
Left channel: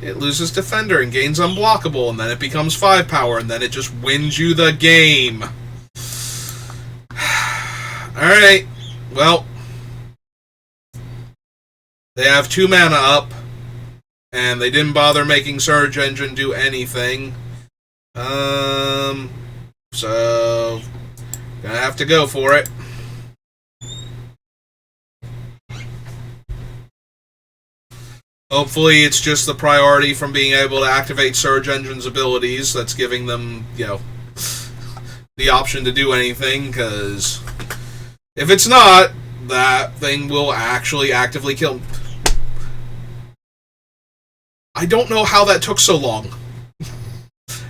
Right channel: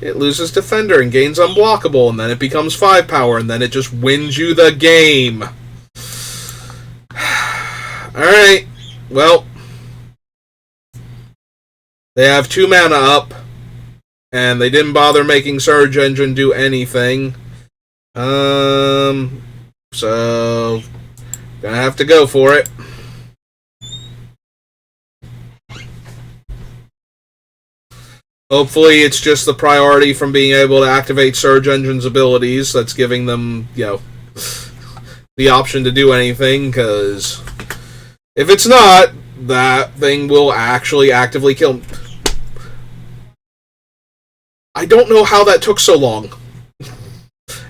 It loses Defender and gains Unblockable, and then it becomes 5 power, and then it just wins you the game. Alright, well. They have 2 mana up, and they didn't bother making Surge Engine do anything. So gonna have to go for it. Hopefully it's just the priority from being able to activate Surge Engine's abilities that's giving them, the option to do anything, because if it's not, that thing will actually actively kill me. I don't know how that took so long.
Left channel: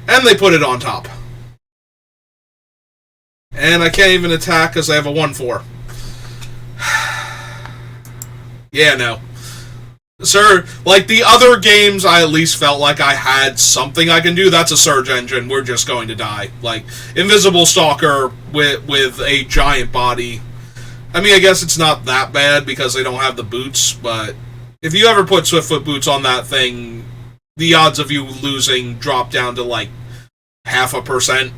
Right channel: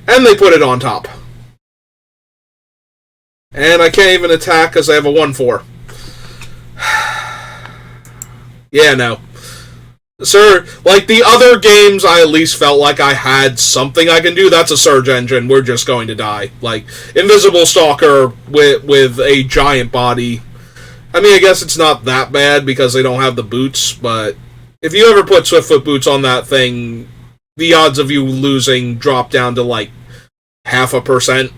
And they put it on top. And I can't even attack because I have a 1/4. Yeah, no. Sir, like the other games, I at least felt like I had something I can do. That's a Surge Engine. We're just going to die. Like, Invisible Stalker with a giant body. I mean, I guess it's not that bad because they don't have the boots, but if you ever put Swiftfoot boots on that thing, the odds of you losing drop down to like 0.5%.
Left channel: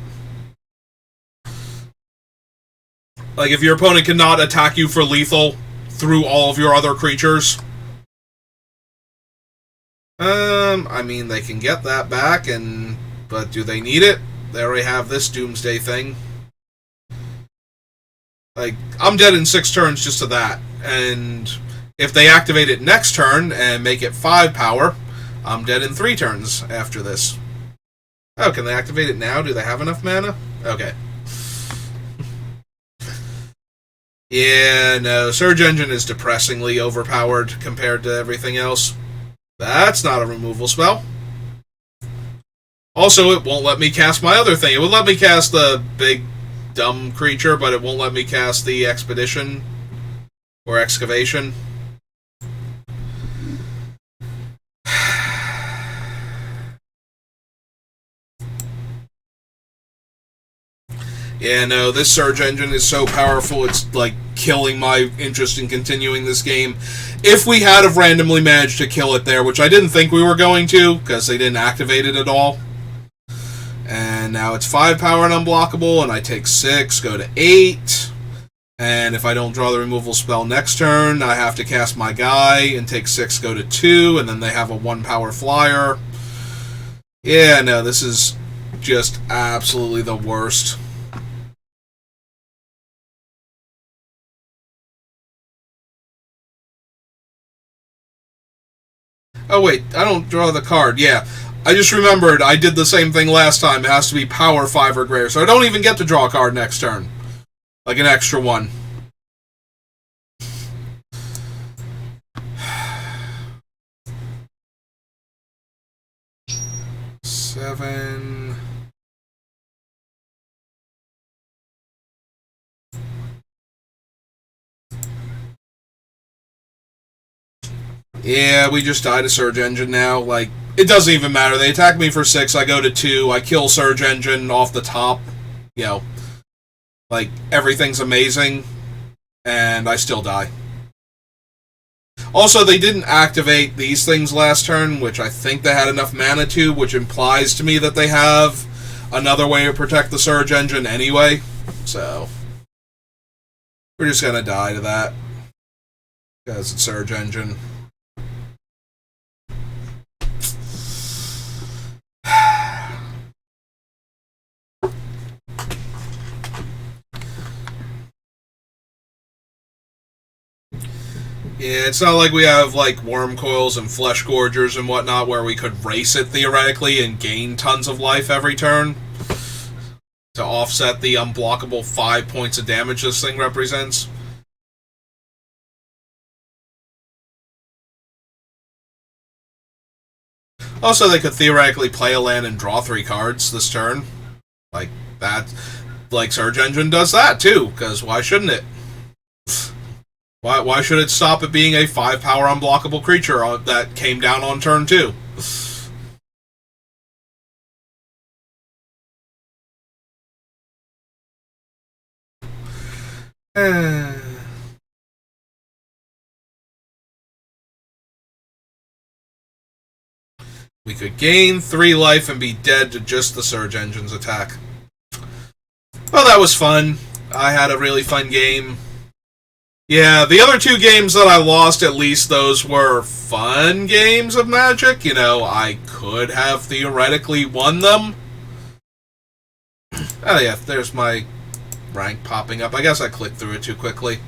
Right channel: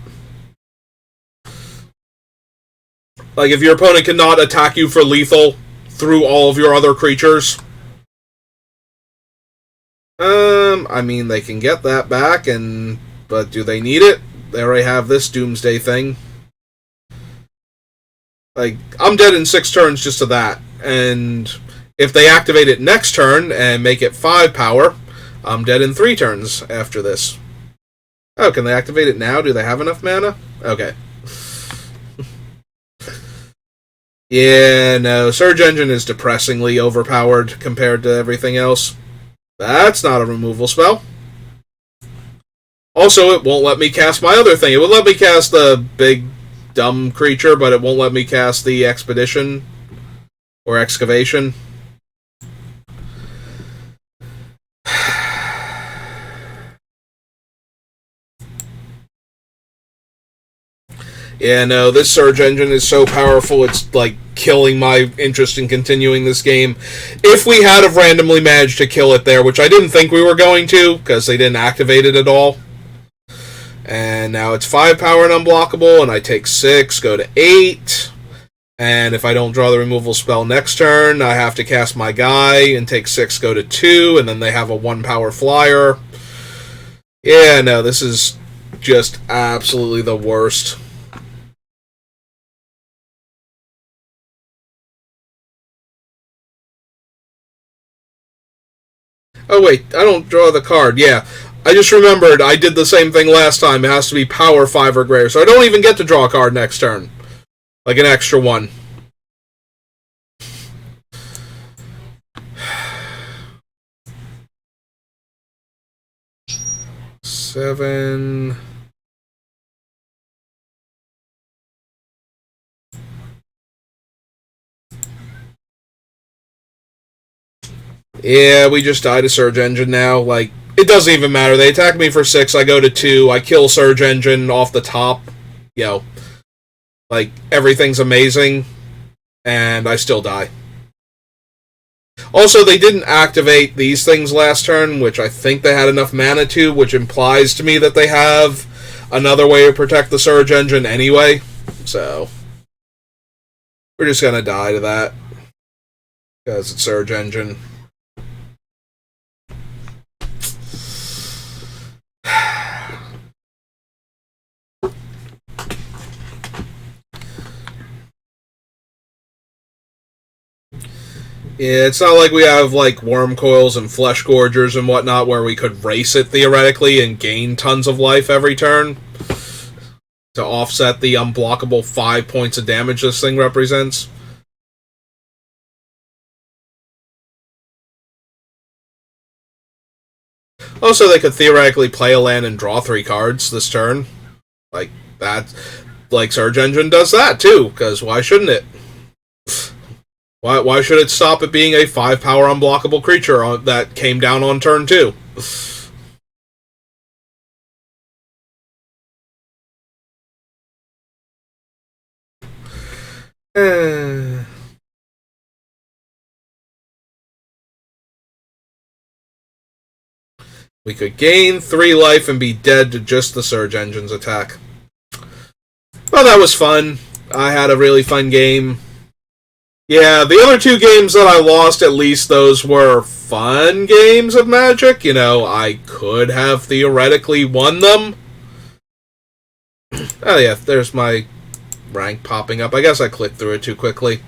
Like, if your opponent cannot attack you for lethal through all of your other creatures, I mean, they can get that back, but do they need it? They already have this Doomsday thing. Like, I'm dead in 6 turns just to that, and if they activate it next turn and make it 5 power, I'm dead in 3 turns after this. Oh, can they activate it now? Do they have enough mana? Okay. Yeah, no, Surge Engine is depressingly overpowered compared to everything else. That's not a removal spell. Also, it won't let me cast my other thing. It would let me cast the big, dumb creature, but it won't let me cast the Expedition or Excavation. Yeah, no, this Surge Engine is so powerful, it's like killing my interest in continuing this game. If we had have randomly managed to kill it there, which I didn't think we were going to, because they didn't activate it at all. And now it's 5 power and unblockable, and I take 6, go to 8. And if I don't draw the removal spell next turn, I have to cast my guy and take 6, go to 2, and then they have a 1 power flyer. Yeah, no, this is just absolutely the worst. Oh, wait, I don't draw the card. Yeah. I just remembered I did the same thing last time. It has to be power 5 or greater, so I don't even get to draw a card next turn. Like an extra one. Seven. Yeah, we just died a Surge Engine now. Like, it doesn't even matter. They attack me for 6, I go to 2, I kill Surge Engine off the top. You know, like, everything's amazing, and I still die. Also, they didn't activate these things last turn, which I think they had enough mana to, which implies to me that they have another way to protect the Surge Engine anyway. So, we're just gonna die to that. Because it's Surge Engine. Yeah, it's not like we have, like, Worm Coils and Flesh Gorgers and whatnot where we could race it, theoretically, and gain tons of life every turn to offset the unblockable 5 points of damage this thing represents. Also, they could theoretically play a land and draw 3 cards this turn. Like, that... Like, Surge Engine does that, too, because why shouldn't it? Why should it stop at being a 5-power unblockable creature that came down on turn 2? We could gain 3 life and be dead to just the Surge Engine's attack. Well, that was fun. I had a really fun game. Yeah, the other 2 games that I lost, at least those were fun games of Magic. You know, I could have theoretically won them. Oh yeah, there's my rank popping up. I guess I clicked through it too quickly.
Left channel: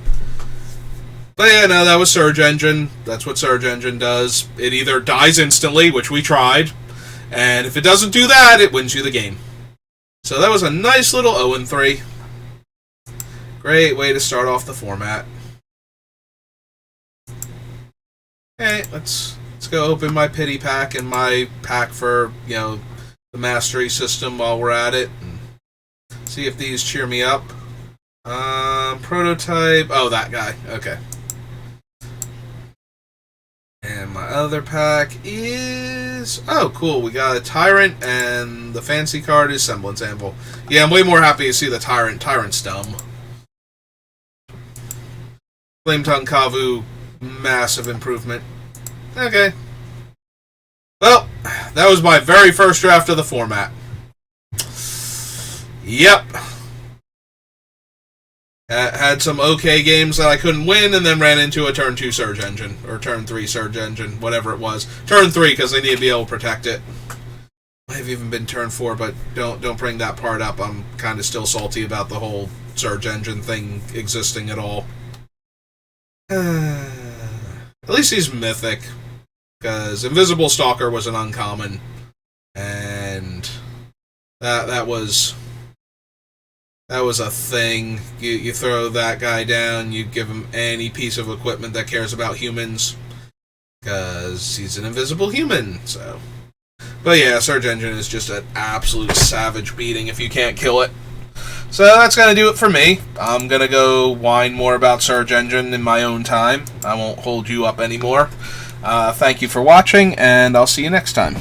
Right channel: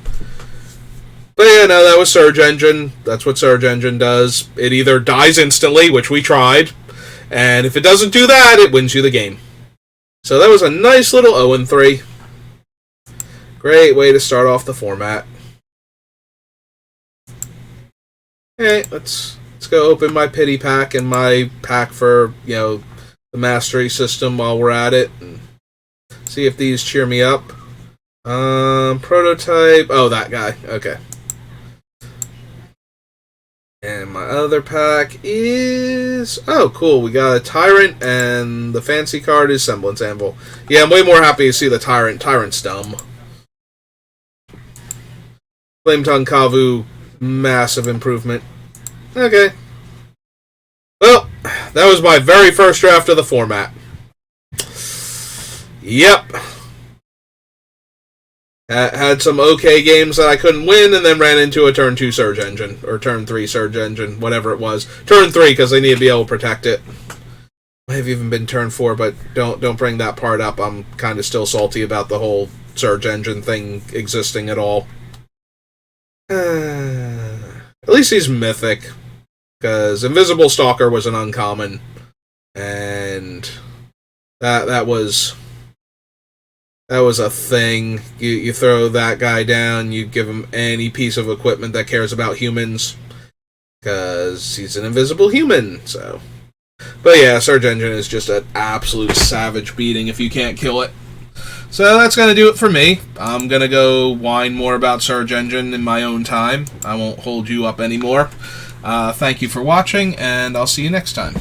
But yeah, no, that was Surge Engine. That's what Surge Engine does. It either dies instantly, which we tried, and if it doesn't do that, it wins you the game. So that was a nice little 0-3. Great way to start off the format. Okay, let's go open my pity pack and my pack for, you know, the mastery system while we're at it. And see if these cheer me up. Prototype. Oh, that guy. Okay. And my other pack is... Oh, cool. We got a Tyrant, and the fancy card is Semblance Anvil. Yeah, I'm way more happy to see the Tyrant. Tyrant's dumb. Flametongue Kavu, massive improvement. Okay. Well, that was my very first draft of the format. Yep. Had some okay games that I couldn't win, and then ran into a turn 2 Surge Engine, or turn 3 Surge Engine, whatever it was. Turn 3, because they need to be able to protect it. Might have even been turn 4, but don't bring that part up. I'm kind of still salty about the whole Surge Engine thing existing at all. At least he's mythic, because Invisible Stalker was an uncommon, and that was a thing. You throw that guy down, you give him any piece of equipment that cares about humans, because he's an invisible human, so... But yeah, Surge Engine is just an absolute savage beating if you can't kill it. So that's going to do it for me. I'm going to go whine more about Surge Engine in my own time. I won't hold you up anymore. Thank you for watching, and I'll see you next time.